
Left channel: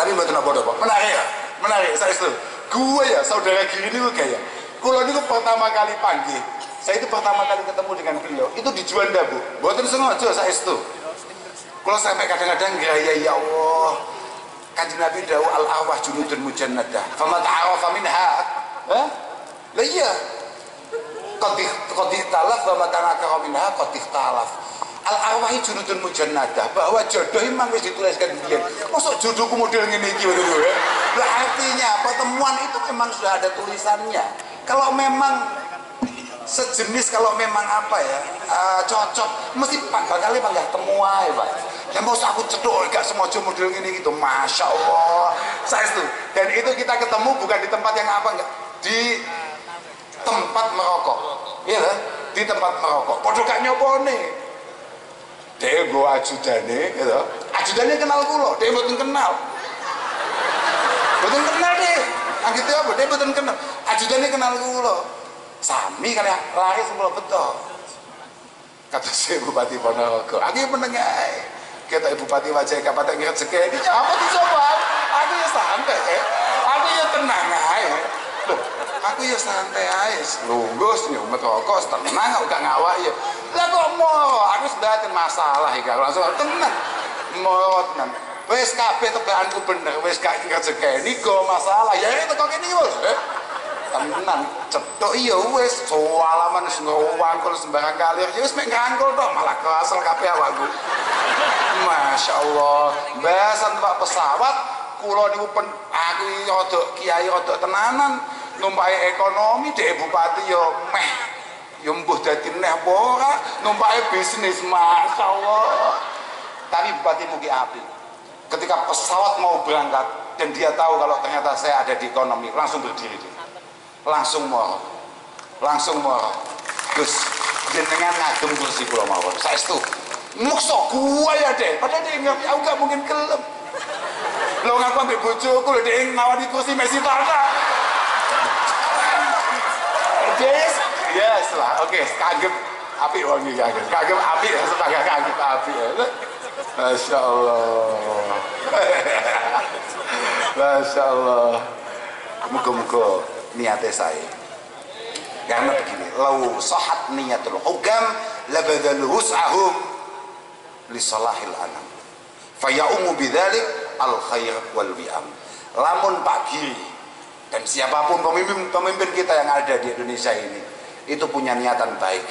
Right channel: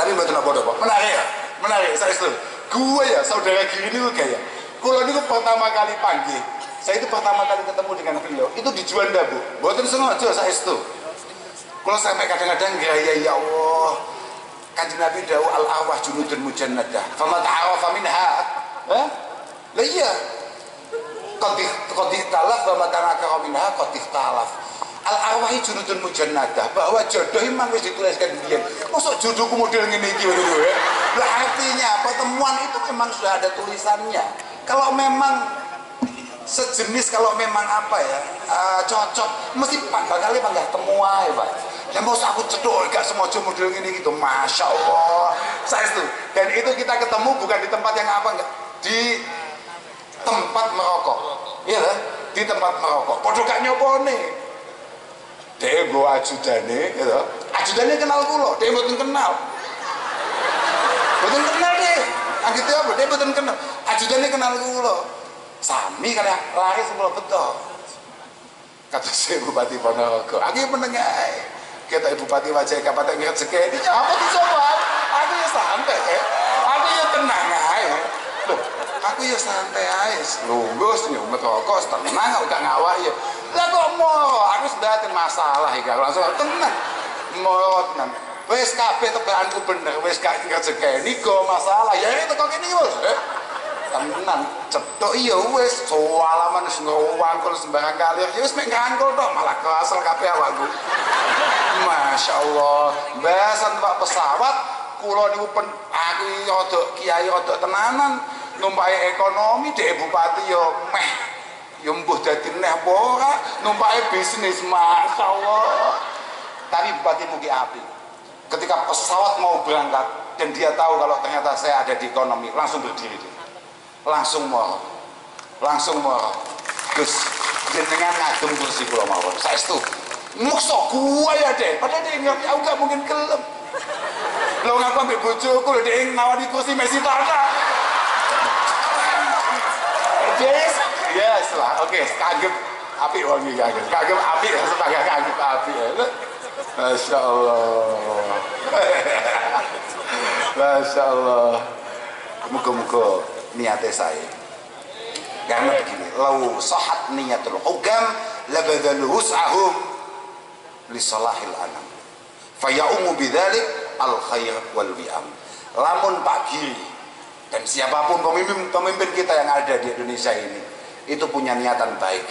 Tapi mboten apa-apa, Pak. Menarik ya? Menarik, saya setuju. Gue ya saudara Giri ini kayak kula niku pertama kali panggil. Saya itu pertama kali ketemu dengan beliau itu di Juanda, Bu. Mboten sengaja saya itu. Kalau sampai kadang-kadang gaya ya Allah. Kanjeng Nabi dawuh al arwah junudun mujannadah. Fama ta'arafa minha. Hah? Lah iya. Qad ihtalaf wa matanaka minha qad ihtalaf. Al arwahi junudun mujannadah, bahwa jodoh memang wis dituliskan dia. Mosok jodohku model ngene iki ngono ya. Lah artinya pertemuan itu memang sudah ada tulisannya. Kalau memang sejenis, kalau memang apa ya cocok, mesti bakal panggah temu ae, Pak. Dan mau aku cedok gak semojo model gini gitu, masya Allah. Saya itu, dan itu kita ketemu bukan di tempat yang apa enggak, di tempat merokok, iya lah, di tempat merokok. Podo gak nyopone, dia gue ajudane, gitu. Ajudane kenal kulo, dia betul kenal, betul kenal deh. Anggitnya apa? Dia betul kenal, ajudane kenal kulo. Sami kali lari semula betul. Kata saya Bupati Ponorogo, aku menengah. Kita Bupati wajah kapan ngirit sekali, apa dicoba? Aku ya santai, aku ya tenang aja. Loh, aku ya santai aja. Lunggus nyumet rokok, tenang, gak ngawak ya. Lah kok mau? Aku sedatin masalah ya, langsung tenang. Mau tenang. Wes kabeh tebakanku bener, wes gak ngirit sekali. Go masalah, ya itu kok ini bos. Tenan cetok iya wis soalaman wis ngwangkul sembarang kali ya wis mek ngangkul tok malah kesel kabeh awakku. Masyaallah, besan Pak pesawat kula niku aku rada kiai rada tenanan numpaki ekonomi dhek bupati yo meh Ya mbuh dadi neh apa ora, numpake bisnis, masyaallah. Tapi bupati mugi api. Ketika pesawat mau berangkat dan dia tahu kalau ternyata saya ada di ekonomi, langsung berdiri dia. Langsung moro. Gus, jenengan ngagem kursi kula mawon. Saestu. Muksa gua ya deh, padahal dia ngerti aku gak mungkin gelem. Lo ngaku ambil bojoku lho dia nawani kursi Messi Tata. Yes lah, oke, kagem api wong iki kagem api sebagai kagem api. Masya Allah. Masya Allah. Muga-muga niatnya saya. Karena begini, lau sahat niyatul hukam labadhalu wus'ahum li salahil anam. Fayaumu bidzalik al khair wal wi'am. Lamun Pak Giri dan siapapun pemimpin kita yang ada di Indonesia ini itu punya niatan baik,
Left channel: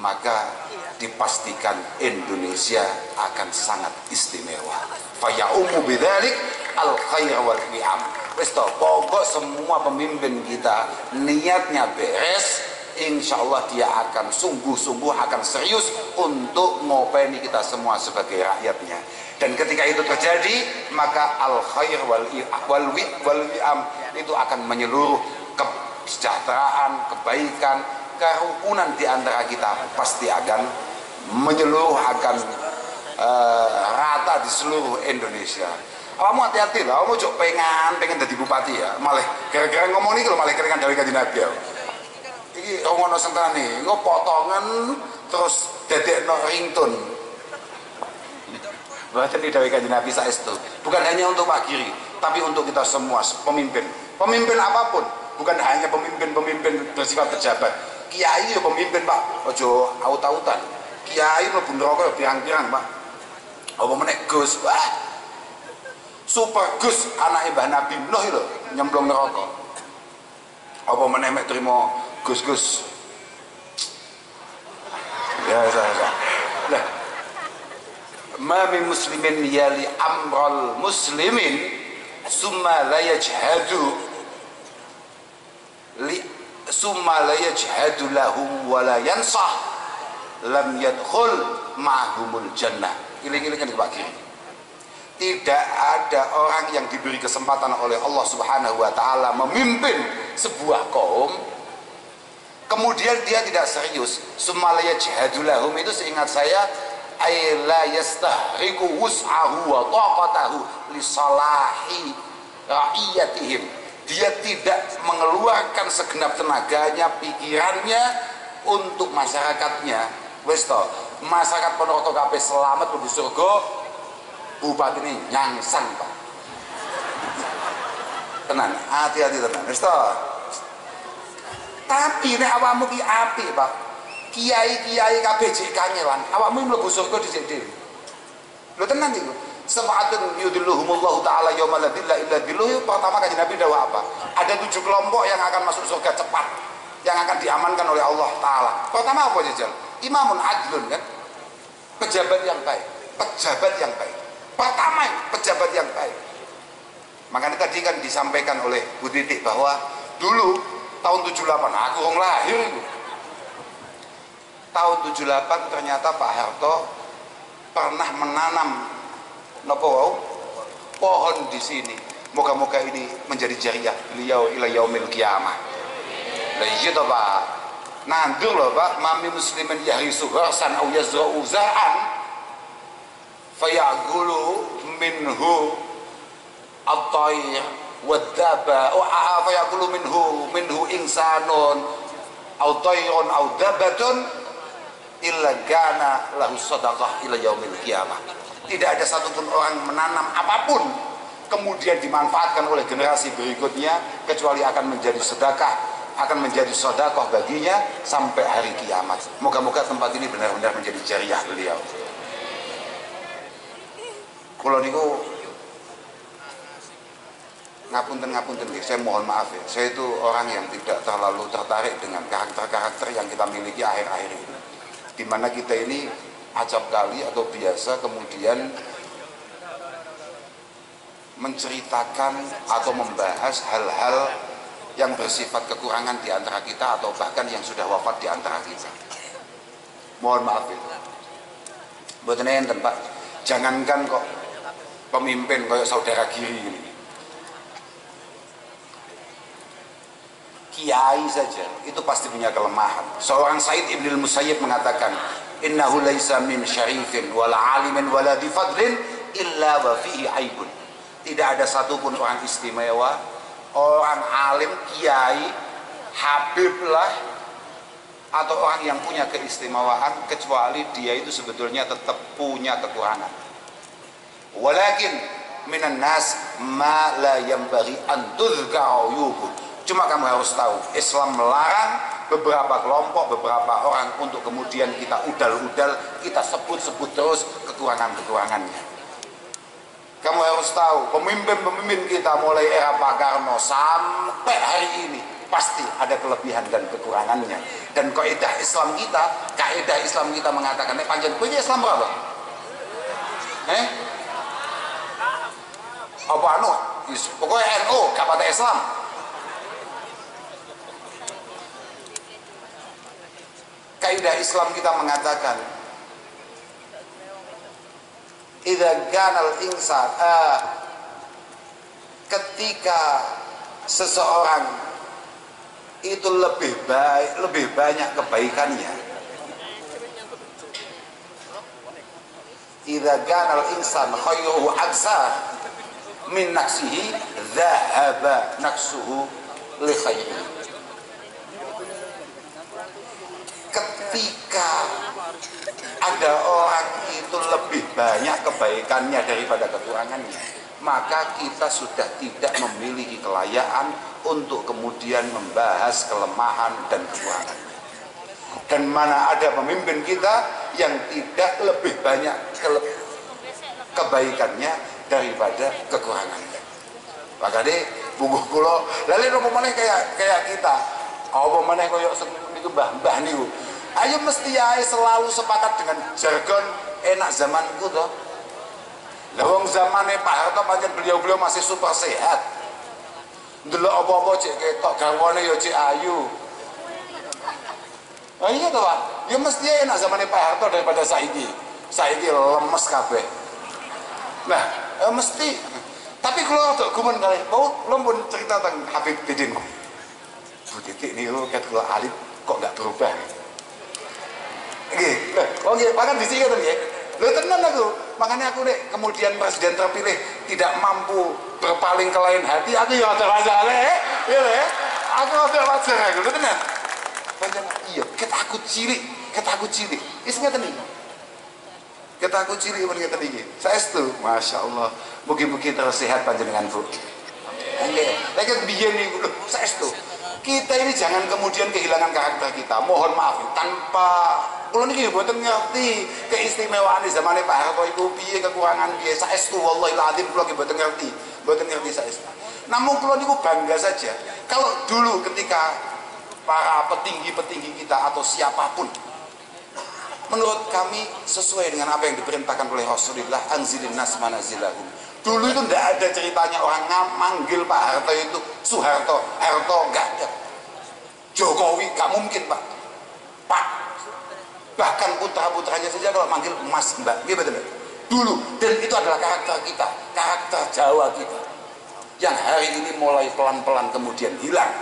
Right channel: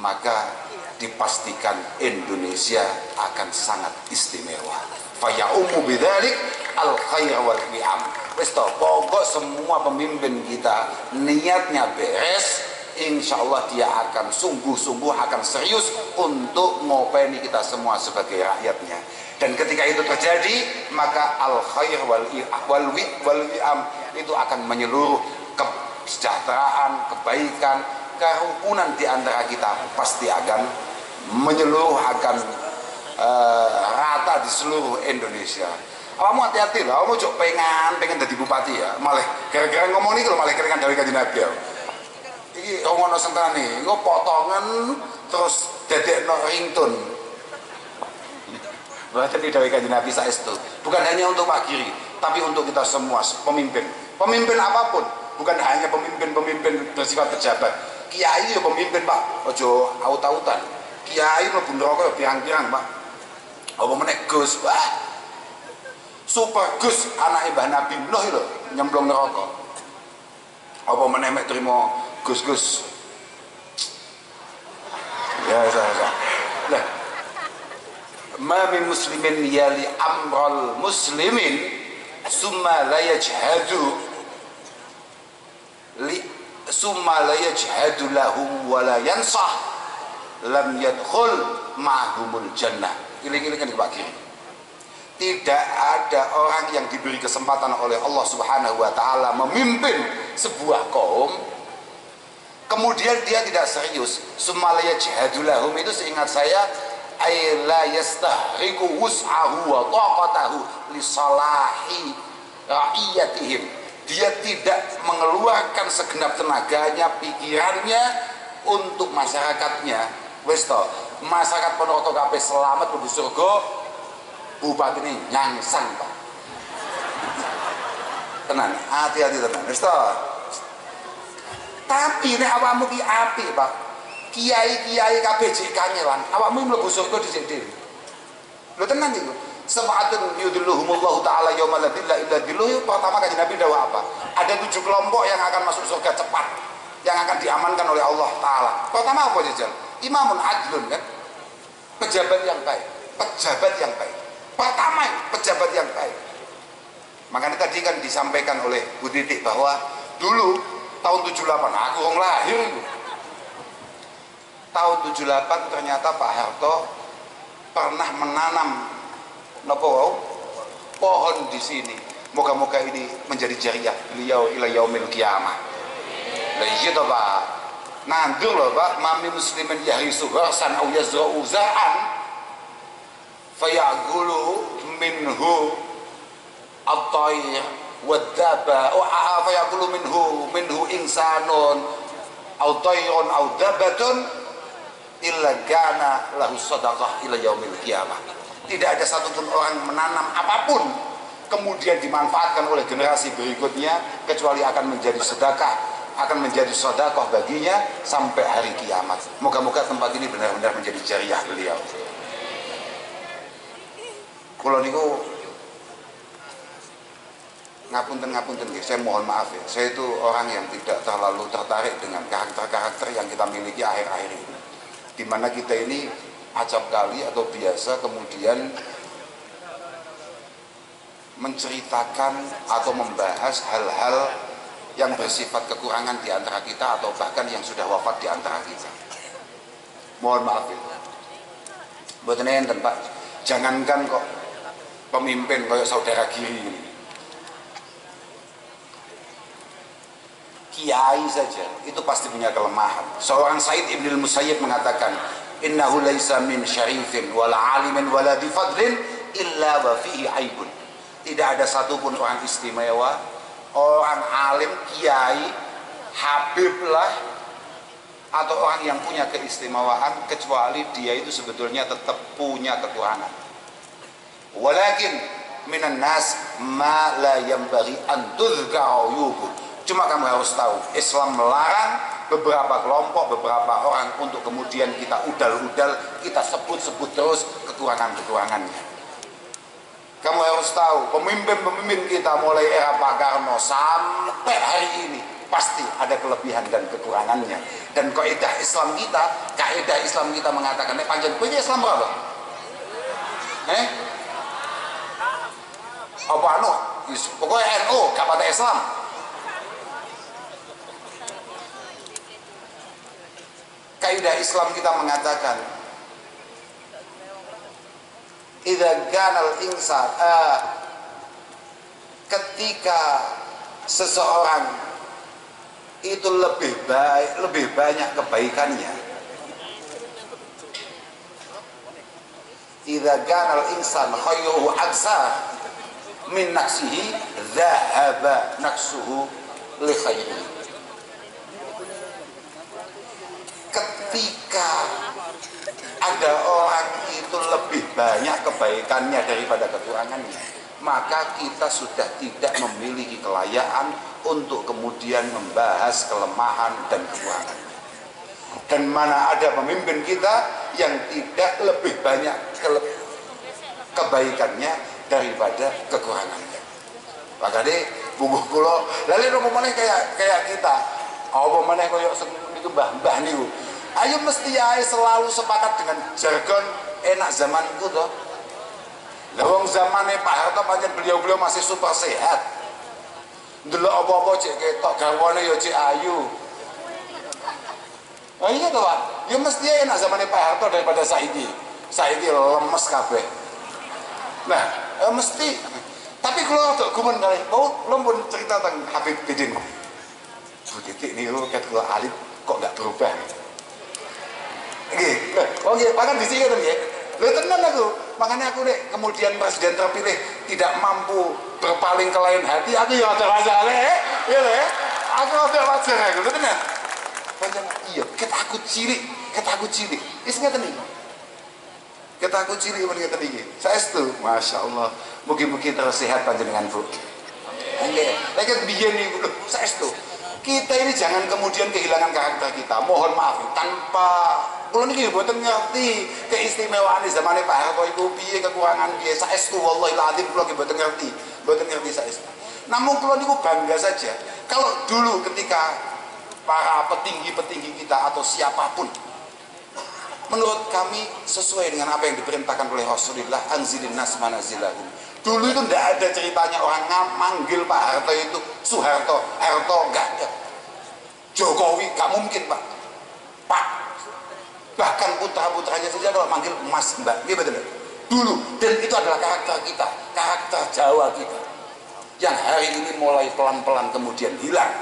maka dipastikan Indonesia akan sangat istimewa. Fayaumu bidzalik al khair wal wi'am. Wis to, pokok semua pemimpin kita niatnya beres, insya Allah dia akan sungguh-sungguh akan serius untuk ngopeni kita semua sebagai rakyatnya. Dan ketika itu terjadi, maka al khair wal wi'am itu akan menyeluruh, kesejahteraan, kebaikan, kerukunan di antara kita pasti akan menyeluruh, akan rata di seluruh Indonesia. Kamu hati-hati lah, kamu cok pengen jadi bupati ya, malah gara-gara ngomong ini kalau malah keringan dari kajian Nabi ya. Ini ngono sentani, gue potongan terus dedek no ringtone. Bahkan di dari kajian Nabi saestu, bukan hanya untuk Pak Giri, tapi untuk kita semua pemimpin apapun, bukan hanya pemimpin bersifat pejabat. Kiai ya pemimpin Pak, ojo aut-autan. Kiai mlebu neraka ya pirang-pirang Pak. Apa meneh Gus, wah. Super Gus anak Mbah Nabi Nuh lho nyemplung neraka. Apa meneh mek trimo Gus-gus. Ya saya. Lah. Ma min muslimin yali amral muslimin summa la yajhadu lahum wa la yansah lam yadkhul ma'humul jannah. Iling-ilingan Pak Giri. Tidak ada orang yang diberi kesempatan oleh Allah Subhanahu wa taala memimpin sebuah kaum kemudian dia tidak serius. Sumalaya jihadulahum itu seingat saya ay la yastahriku wus'ahu wa taqatahu li salahi ra'iyatihim. Dia tidak mengeluarkan segenap tenaganya, pikirannya untuk masyarakatnya. Wis to, masyarakat Ponorogo kabeh selamat mlebu surga. Bupati ini nyangsang Pak. Tenan, hati-hati tenan. Wis to. Tapi nek awakmu ki apik, Pak. Kiai-kiai kabeh jek kangelan, awakmu mlebu surga dhisik dhewe. Lho tenan iku. Sab'atun yudilluhumullahu ta'ala yaumala dhilla illa dhilluh. Pertama Kanjeng Nabi dawuh apa? Ada 7 kelompok yang akan masuk surga cepat, yang akan diamankan oleh Allah taala. Pertama apa jajal? Imamun adlun kan? Pejabat yang baik. Pertama pejabat yang baik. Makanya tadi kan disampaikan oleh Bu Titik bahwa dulu tahun 78 aku wong lahir itu. Tahun 78 ternyata Pak Harto pernah menanam pohon di sini. Moga-moga ini menjadi jariah beliau ila yaumil qiyamah. Lah iya to Pak. Nandur loh Pak, mami muslimin yahrisu gharsan au yazra'u zar'an fayaqulu minhu at-tayr wad-daba fayaqulu minhu insanun au tayrun au dabatun illa kana lahu sadaqah ila yaumil qiyamah. Tidak ada satupun orang menanam apapun kemudian dimanfaatkan oleh generasi berikutnya kecuali akan menjadi sedekah, akan menjadi sedekah baginya sampai hari kiamat. Moga-moga tempat ini benar-benar menjadi jariah beliau. Kalau niku ngapunten saya mohon maaf ya, saya itu orang yang tidak terlalu tertarik dengan karakter-karakter yang kita miliki akhir-akhir ini, dimana kita ini acap kali atau biasa kemudian menceritakan atau membahas hal-hal yang bersifat kekurangan di antara kita atau bahkan yang sudah wafat di antara kita. Mohon maaf ya. Mboten enten Pak. Jangankan kok pemimpin kayak saudara Giri ini. Kiai saja itu pasti punya kelemahan. Seorang Said Ibn al-Musayyib mengatakan, innahu laisa min syarifin wala alimin wala difadlin illa wa fihi aibun. Tidak ada satupun orang istimewa, orang alim, kiai, habib lah, atau orang yang punya keistimewaan, kecuali dia itu sebetulnya tetap punya kekurangan. Walakin minan nas ma la yanbaghi an tudhkara uyubuh. Cuma kamu harus tahu, Islam melarang beberapa kelompok, beberapa orang untuk kemudian kita udal-udal, kita sebut-sebut terus kekurangan-kekurangannya. Kamu harus tahu, pemimpin-pemimpin kita mulai era Pak Karno sampai hari ini pasti ada kelebihan dan kekurangannya. Dan kaidah Islam kita mengatakan, panjang punya Islam berapa? Apa anu? Pokoknya NU, gak pada Islam. Kaidah Islam kita mengatakan, idza kanal insan, ketika seseorang itu lebih banyak kebaikannya, idza kanal insan khairuhu aksa min nafsihi dhahaba nafsuhu li khairihi. Ketika ada orang itu lebih banyak kebaikannya daripada kekurangannya, maka kita sudah tidak memiliki kelayakan untuk kemudian membahas kelemahan dan kekurangan. Dan mana ada pemimpin kita yang tidak lebih banyak kebaikannya daripada kekurangannya. Maka deh bubuh kulo lalu nopo maneh kayak kita. Apa maneh koyo niku mbah-mbah niku. Ayo mesti ae selalu sepakat dengan jargon enak zamanku toh. Lah wong zamane Pak Harto pancen beliau masih super sehat. Ndelok apa-apa cek ketok garwane ya cek ayu. Oh iya toh Pak. Ya mesti ae enak zamane Pak Harto daripada saiki. Saiki lemes kabeh. Nah, mesti. Tapi kalau untuk gumun kali, lo pun cerita tentang Habib Bidin. Bu Titik nih lo ket kula alit kok nggak berubah. Nggih. Oh nggih, bahkan di sini kan nggih. Lho tenan aku. Makanya aku nek kemudian presiden terpilih tidak mampu berpaling ke lain hati, aku ya ada wajar ya le. Aku ada wajar aku. Lho tenan. Panjenengan iya, ket aku cilik. Wis ngeten iki. Ket aku cilik men ngeten iki. Saestu, masyaallah. Mugi-mugi terus sehat panjenengan, Bu. Nggih. Lek biyen niku lho, saestu. Kita ini jangan kemudian kehilangan karakter kita. Mohon maaf tanpa kula niki mboten ngerti keistimewaan zaman Pak Harto iku piye, kekurangan piye. Saestu wallahi alazim kula mboten ngerti saestu. Namun kula niku bangga saja kalau dulu ketika para petinggi-petinggi kita atau siapapun menurut kami sesuai dengan apa yang diperintahkan oleh Rasulullah, anzilin nas manazilahum. Dulu itu tidak ada ceritanya orang manggil Pak Harto itu Soeharto, Harto, enggak ada. Jokowi, enggak mungkin Pak. Bahkan putra-putranya saja kalau manggil Mas, Mbak, gitu betul. Dulu, dan itu adalah karakter kita, karakter Jawa kita, yang hari ini mulai pelan-pelan kemudian hilang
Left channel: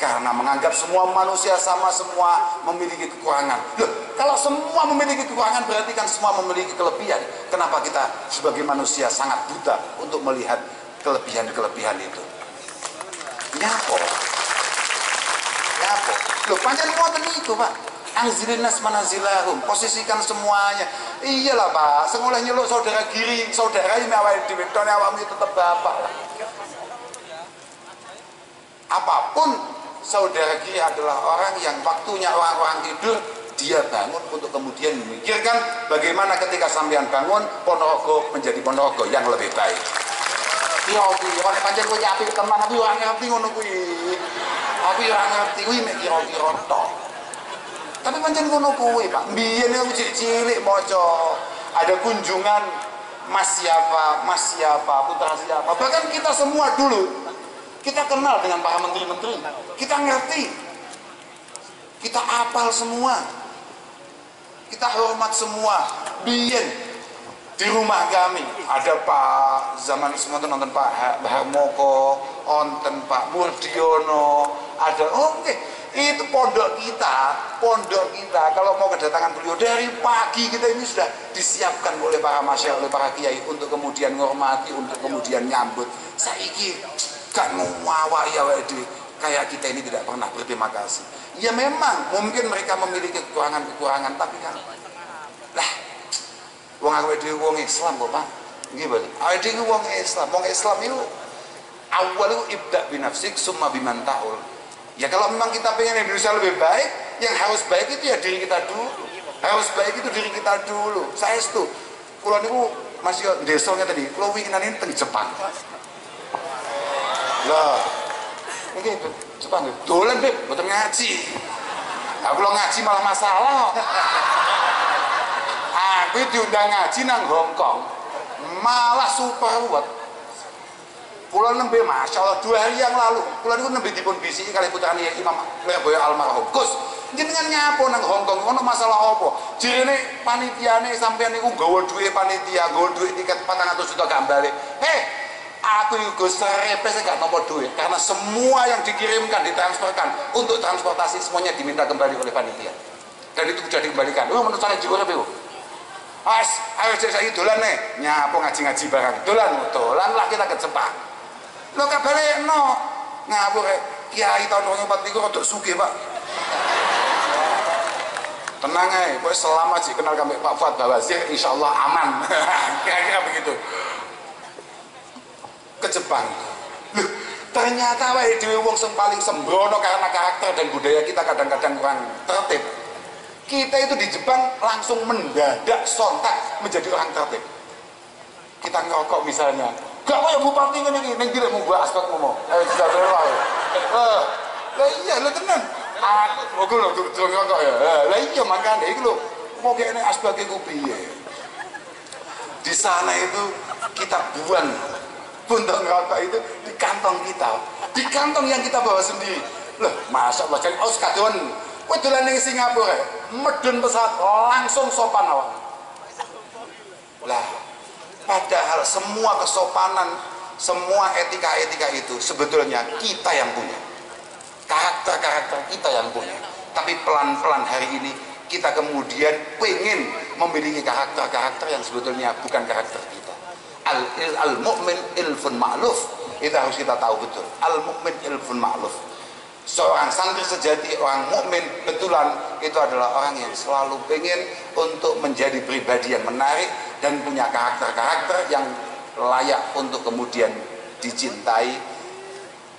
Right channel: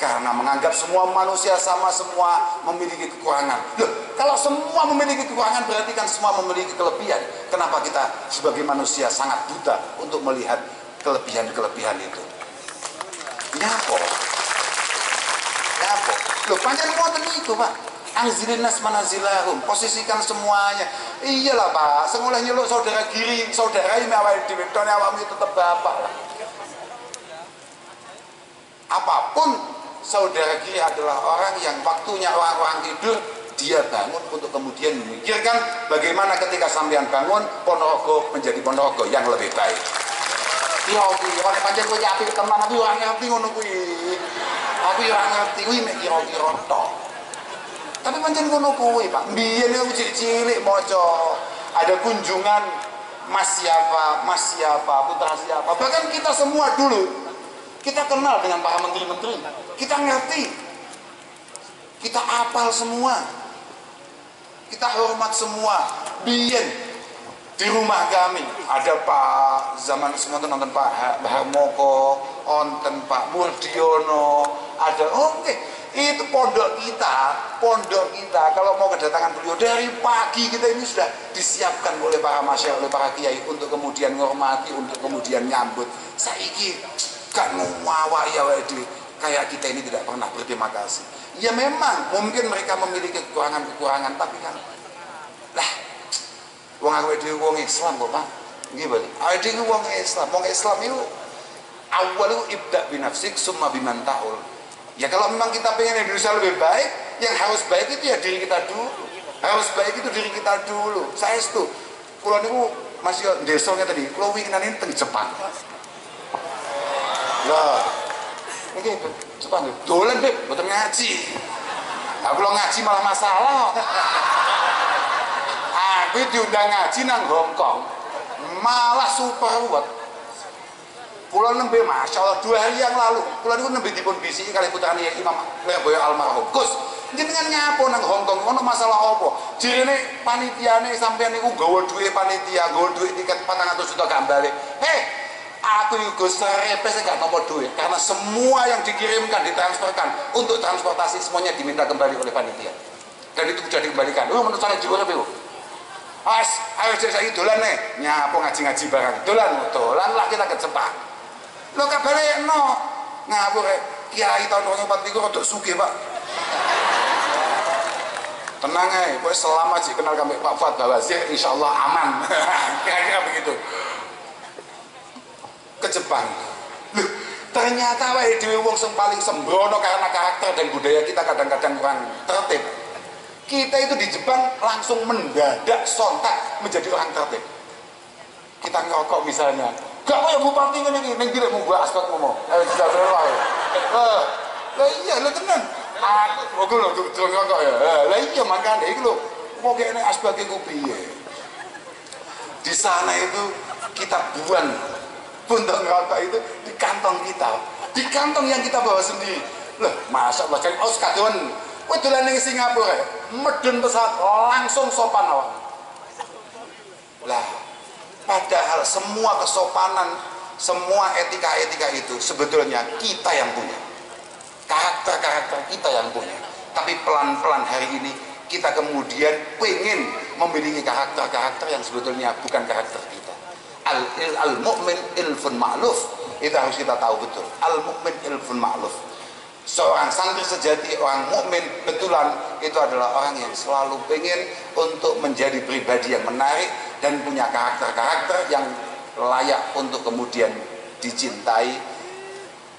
karena menganggap semua manusia sama, semua memiliki kekurangan. Loh, kalau semua memiliki kekurangan berarti kan semua memiliki kelebihan. Kenapa kita sebagai manusia sangat buta untuk melihat kelebihan-kelebihan itu? Nyapa? Loh, pancen ngoten niku, Pak. Anzilin nas manazilahum, posisikan semuanya. Iyalah Pak, sengoleh nyeluk saudara Giri, saudara ini awake dhewe, tone awakmu tetep bapak lah. Apapun, saudara Giri adalah orang yang waktunya orang-orang tidur, dia bangun untuk kemudian memikirkan bagaimana ketika sampean bangun Ponorogo menjadi Ponorogo yang lebih baik. Kira-kira pancen kowe apik tenan, aku ora ngerti ngono kuwi. Aku ora ngerti kuwi mek kira-kira tok. Tapi pancen ngono kuwi, Pak. Mbiyen aku cilik maca ada kunjungan Mas siapa, putra siapa. Bahkan kita semua dulu Kita kenal dengan para menteri-menteri, kita ngerti, kita apal semua, kita hormat semua. Biyen di rumah kami ada Pak zaman semua nonton Pak Harmoko, onten Pak Murdiono, ada itu pondok kita kalau mau kedatangan beliau dari pagi kita ini sudah disiapkan oleh para masyayikh, oleh para kiai untuk kemudian menghormati, untuk kemudian nyambut. Saiki gak ngawak ya kayak kita ini tidak pernah berterima kasih. Ya memang mungkin mereka memiliki kekurangan-kekurangan, tapi kan lah wong awake dhewe wong Islam kok Pak. Nggih betul. Awake dhewe wong Islam. Wong Islam itu awal itu ibda binafsik summa biman ta'ul. Ya kalau memang kita pengen Indonesia lebih baik, yang harus baik itu ya diri kita dulu. Harus baik itu diri kita dulu. Saya itu kula niku masih desone tadi, kula winginane teng Jepang. Lah, ini Jepang dolan Beb, mboten ngaji. Aku lo ngaji malah masalah. Aku diundang ngaji nang Hong Kong, malah super buat. Kula nembe Masya Allah 2 hari yang lalu, kula niku nembe dipun bisiki kali putrane Imam Leboyo almarhum. Gus, jenengan nyapo nang Hong Kong ono masalah apa? Jirene panitiane sampean niku nggawa duwe panitia, nggawa duwe tiket 400 juta gak balik. Aku itu serepes gak nomor duit karena semua yang dikirimkan ditransferkan untuk transportasi semuanya diminta kembali oleh panitia dan itu sudah dikembalikan. Menurut saya juga lebih ayo saya dolan nih nyapo ngaji-ngaji barang dolan lah kita ke Jepang lo kabare no ngapur kiai tahun 2004 itu rodok sugih Pak, tenang aja pokoknya selama sih kenal kami Pak Fuad Bawazir insyaallah aman. Kira-kira begitu ke Jepang. Loh, ternyata wae dhewe wong sing paling sembrono karena karakter dan budaya kita kadang-kadang kurang tertib. Kita itu di Jepang langsung mendadak sontak menjadi orang tertib. Kita ngerokok misalnya, gak kaya bupati ngene iki ning direk mbok aspek ngomong. Jajal wae. Lah iya lho tenan. Aku lho ngerokok ya. Lah iya makane iki lho mau kene aspek ku piye. Di sana itu kita buang puntung rokok itu di kantong kita, di kantong yang kita bawa sendiri. Loh, Masya Allah, jadi kadoan kowe dolan ning Singapura, medun pesawat langsung sopan awak. Lah, padahal semua kesopanan, semua etika-etika itu sebetulnya kita yang punya. Karakter-karakter kita yang punya. Tapi pelan-pelan hari ini kita kemudian pengen memiliki karakter-karakter yang sebetulnya bukan karakter kita. Al-mu'min ilfun ma'luf, itu harus kita tahu betul. Al-mu'min ilfun ma'luf, seorang santri sejati, orang mukmin betulan itu adalah orang yang selalu pengen untuk menjadi pribadi yang menarik dan punya karakter-karakter yang layak untuk kemudian dicintai,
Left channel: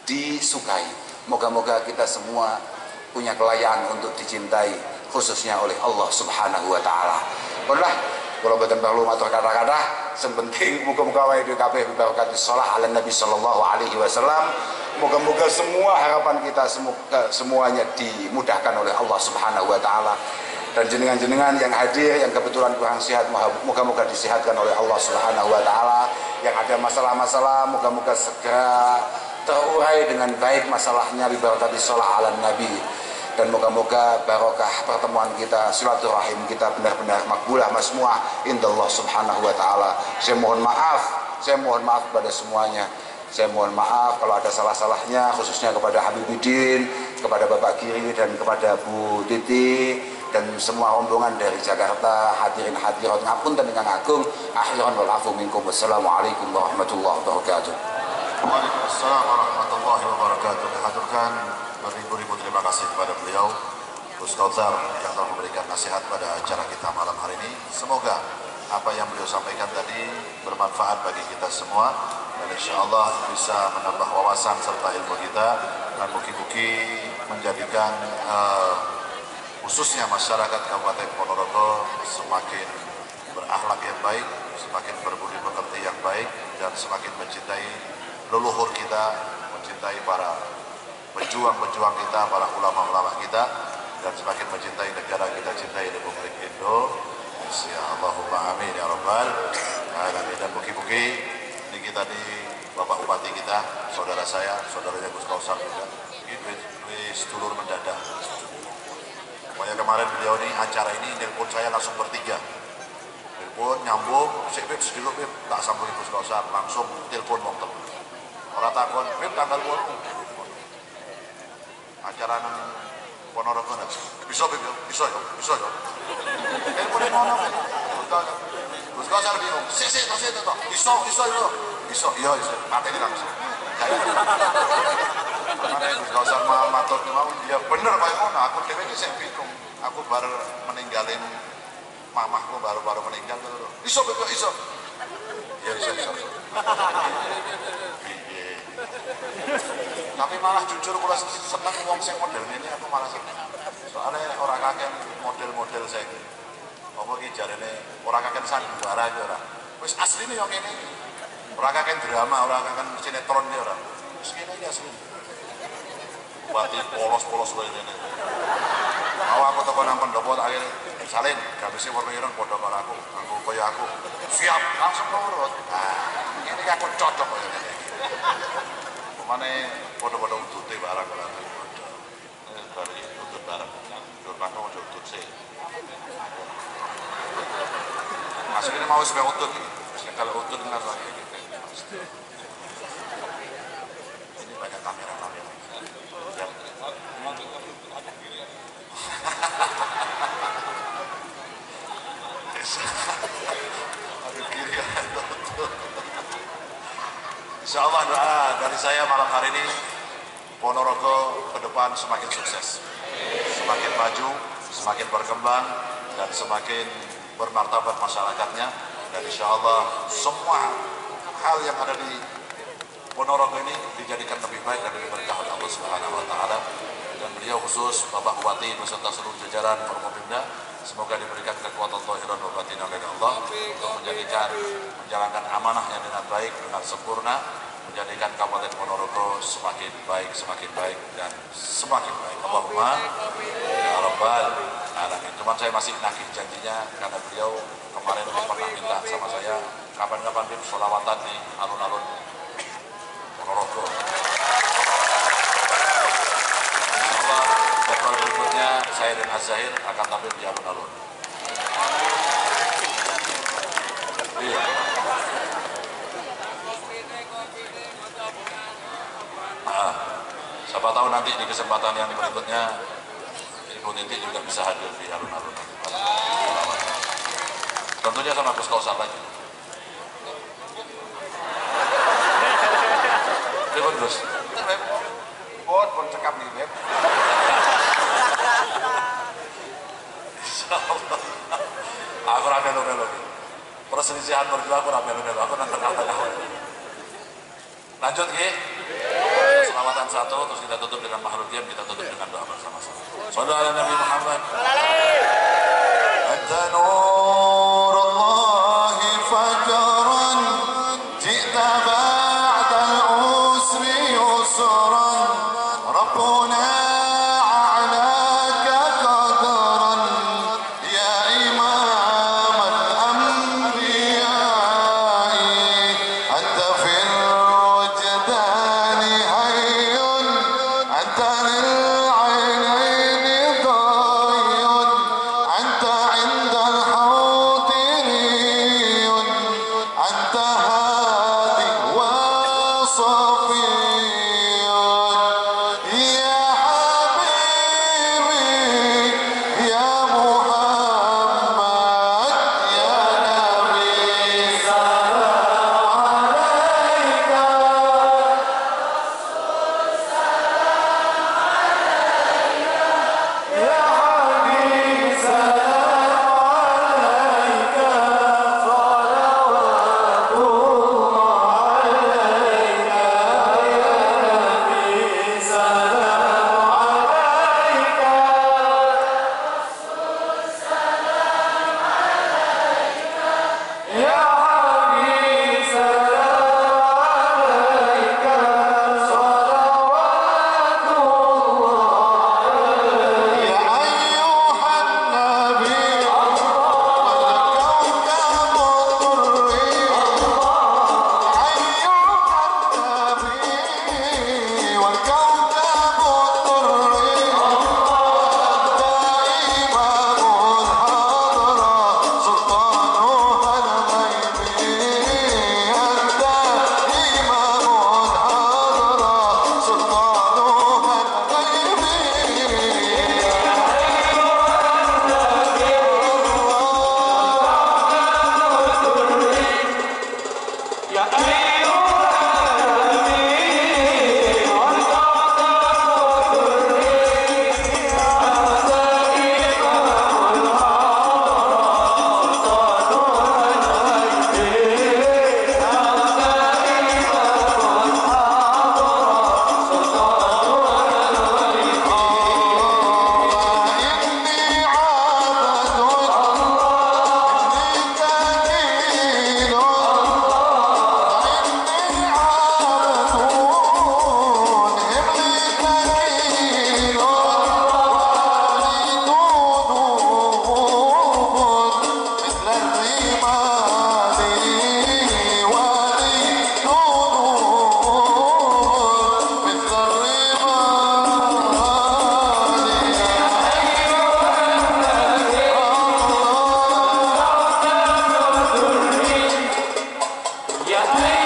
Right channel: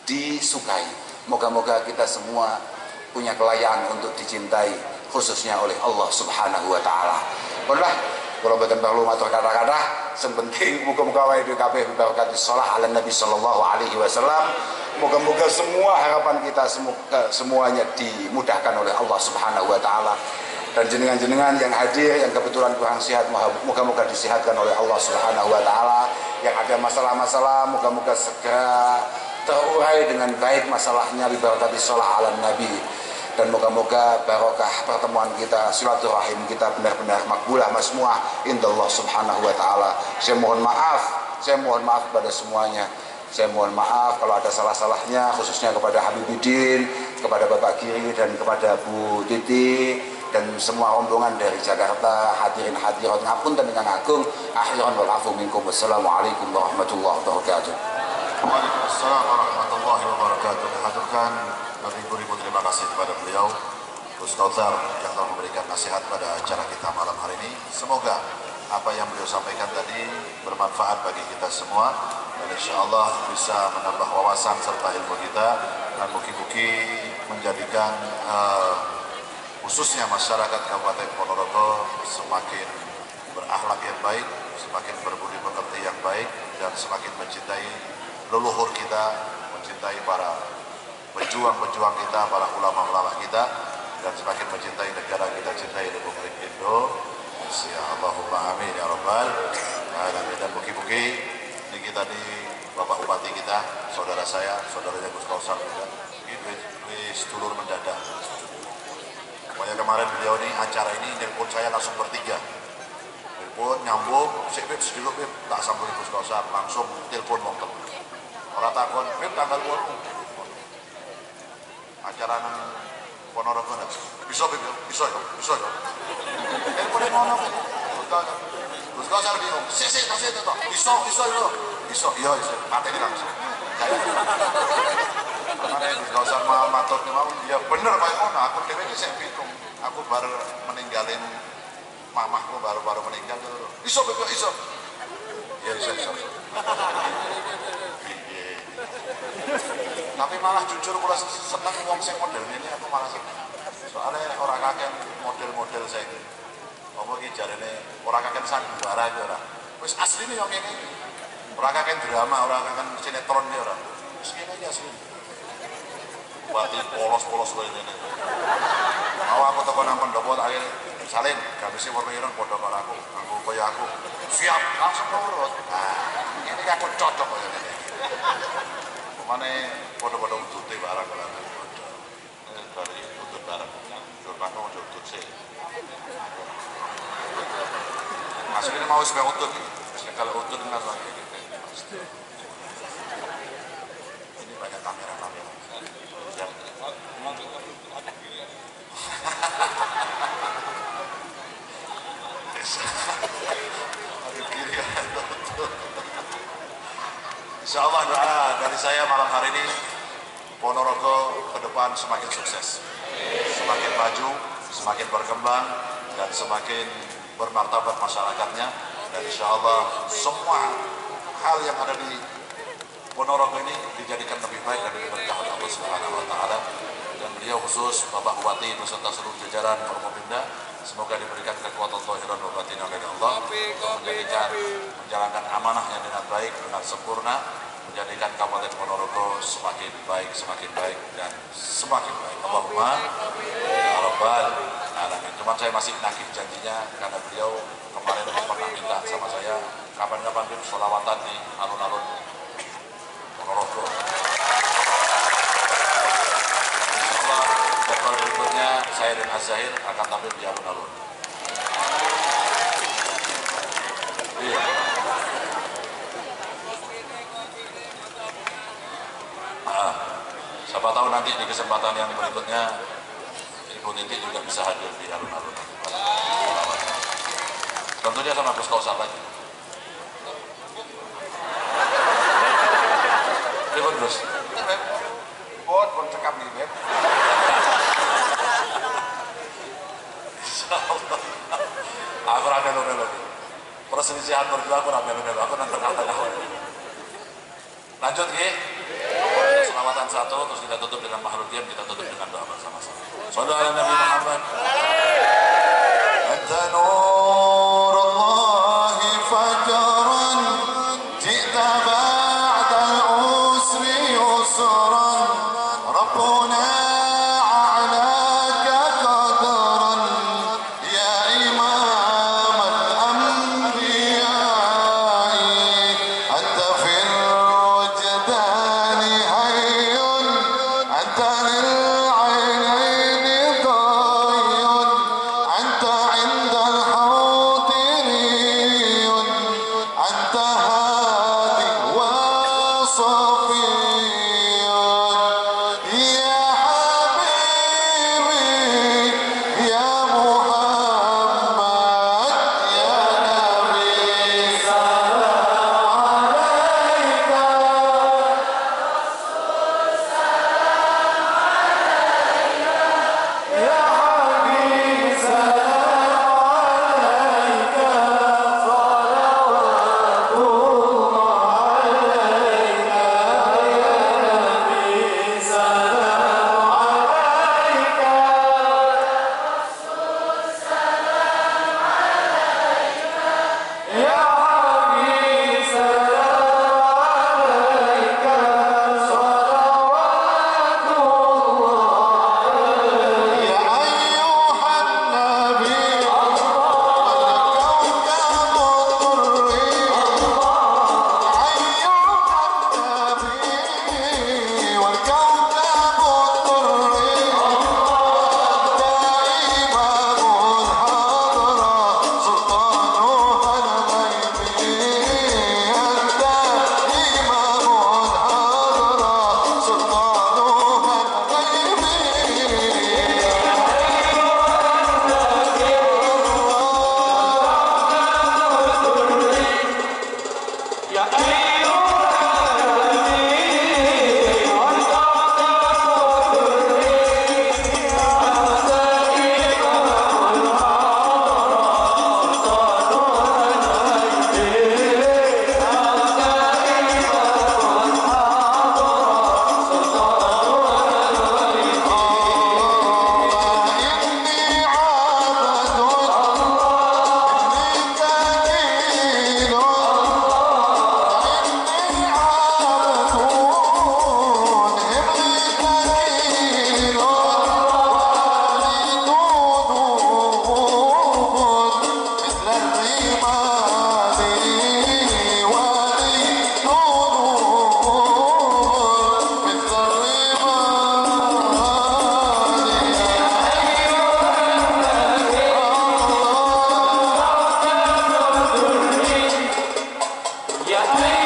disukai. Moga-moga kita semua punya kelayaan untuk dicintai khususnya oleh Allah Subhanahu wa taala. Pernah kalau betul perlu matur kata-kata, sepenting muka-muka wae dhewe kabeh berkati shalah ala Nabi sallallahu alaihi wasallam. Moga-moga semua harapan kita semuanya dimudahkan oleh Allah Subhanahu wa taala. Dan jenengan-jenengan yang hadir yang kebetulan kurang sehat, moga-moga disehatkan oleh Allah Subhanahu wa taala. Yang ada masalah-masalah moga-moga segera terurai dengan baik masalahnya bi barakati shalah ala Nabi. Dan moga-moga barokah pertemuan kita, silaturahim kita benar-benar makbulah masmuah indallah Subhanahu wa taala. Saya mohon maaf kepada semuanya. Saya mohon maaf kalau ada salah-salahnya, khususnya kepada Habibidin, kepada Bapak Kiri dan kepada Bu Titi dan semua rombongan dari Jakarta, hadirin hadirat ngapunten ingkang agung. Akhiran wal afu minkum. Wassalamualaikum warahmatullahi wabarakatuh. Waalaikumsalam warahmatullahi wabarakatuh. Haturkan beribu-ribu terima kasih kepada beliau Ustaz yang telah memberikan nasihat pada acara kita malam hari ini. Semoga apa yang beliau sampaikan tadi bermanfaat bagi kita semua dan insya Allah bisa menambah wawasan serta ilmu kita dan mugi-mugi menjadikan khususnya masyarakat Kabupaten Ponorogo semakin berakhlak yang baik, semakin berbudi pekerti yang baik dan semakin mencintai leluhur kita, mencintai para pejuang-pejuang kita, para ulama-ulama kita dan semakin mencintai negara kita, cintai Republik Indonesia. Allahumma amin ya rabbal alamin. Dan mugi-mugi ini kita Bapak Bupati kita, saudara saya, saudaranya Gus Kausar juga. Ini sedulur mendadak. Pokoknya kemarin beliau ini acara ini telepon saya langsung bertiga. Telepon nyambung, sik Beb sedulur Beb, tak sambung Gus Kausar, langsung telepon wong telu. Ora takon, Beb tanggal 8. Acara nang Ponorogo ndak? Bisa Beb yo, bisa yo, bisa yo. Telepon ngono kan. Gus Kausar bingung. Sik to. Iso yo. Iso, iya iso. Mateni langsung. Saya Gus Kausar matur mau, ya bener Pak ngono, aku dhewe iki sing bingung. Aku baru meninggalin mamahku baru meninggal. Iso Beb, iso. Ya iso. Tapi malah jujur kula seneng wong sing model ini, aku malah seneng. Soalnya ora kakek model-model sing apa iki jarene ora kakek sandiwara iki ora. Wis asline yo ngene. Ora kakek drama, ora kakek sinetron iki ora. Wis ngene iki asline. Bati polos-polos koyo ngene. Mau aku teko nang pendopo tak akhire salin, gabise warna ireng padha karo aku, kaya aku. Siap, langsung nurut. Nah, ini aku cocok koyo ngene. Pemane padha-padha utute barang karo aku. Bari utut barang. Dur mangko utut sih. Aslinya mau sampai utut. Kalau utut nggak lagi gitu. Ini banyak kamera. Insya Allah doa dari saya malam hari ini Ponorogo ke depan semakin sukses, semakin maju, semakin berkembang dan semakin bermartabat masyarakatnya, dan insya Allah semua hal yang ada di Ponorogo ini dijadikan lebih baik dan lebih berkah oleh Allah Subhanahu wa Ta'ala. Dan beliau khusus Bapak Bupati beserta seluruh jajaran Forkopimda, semoga diberikan kekuatan zahiran wa batinan oleh Allah untuk menjalankan amanah yang dengan baik, dengan sempurna, menjadikan Kabupaten Ponorogo semakin baik dan semakin baik. Allahumma ya Rabbal Alamin. Cuman saya masih nagih janjinya karena beliau kemarin pernah minta sama saya kapan-kapan Bib sholawatan di alun-alun Ponorogo. Insyaallah jadwal berikutnya saya dan Az-Zahir akan tampil di alun-alun. Iya. Siapa tahu nanti di kesempatan yang berikutnya Ibu Titi juga bisa hadir di alun-alun. Tentunya sama Gus Kausar lagi. Ribut Gus. Bon cekap nih Beb. Insyaallah. Aku ramelo-melo. Perselisihan berdua aku ramelo-melo. Aku nang tengah-tengah. Lanjut nggih. Selawatan satu, terus kita tutup dengan mahlul qiyam, kita tutup dengan doa bersama-sama. Shallallahu ala Nabi Muhammad. Anta nurullahi fajran, ji'ta ba'dal usri yusran, Rabbuna a'laka qadran, ya imam al-anbiya'i, anta fil wajdani hayyun, anta lil'aynaini dhayyun, anta 'indal hawdiriyun, anta hadi wa safiyun, ya habibi ya Muhammad ya Nabi, salam alaika. Ya Habib salam alaika, salawatullah alaika. Ya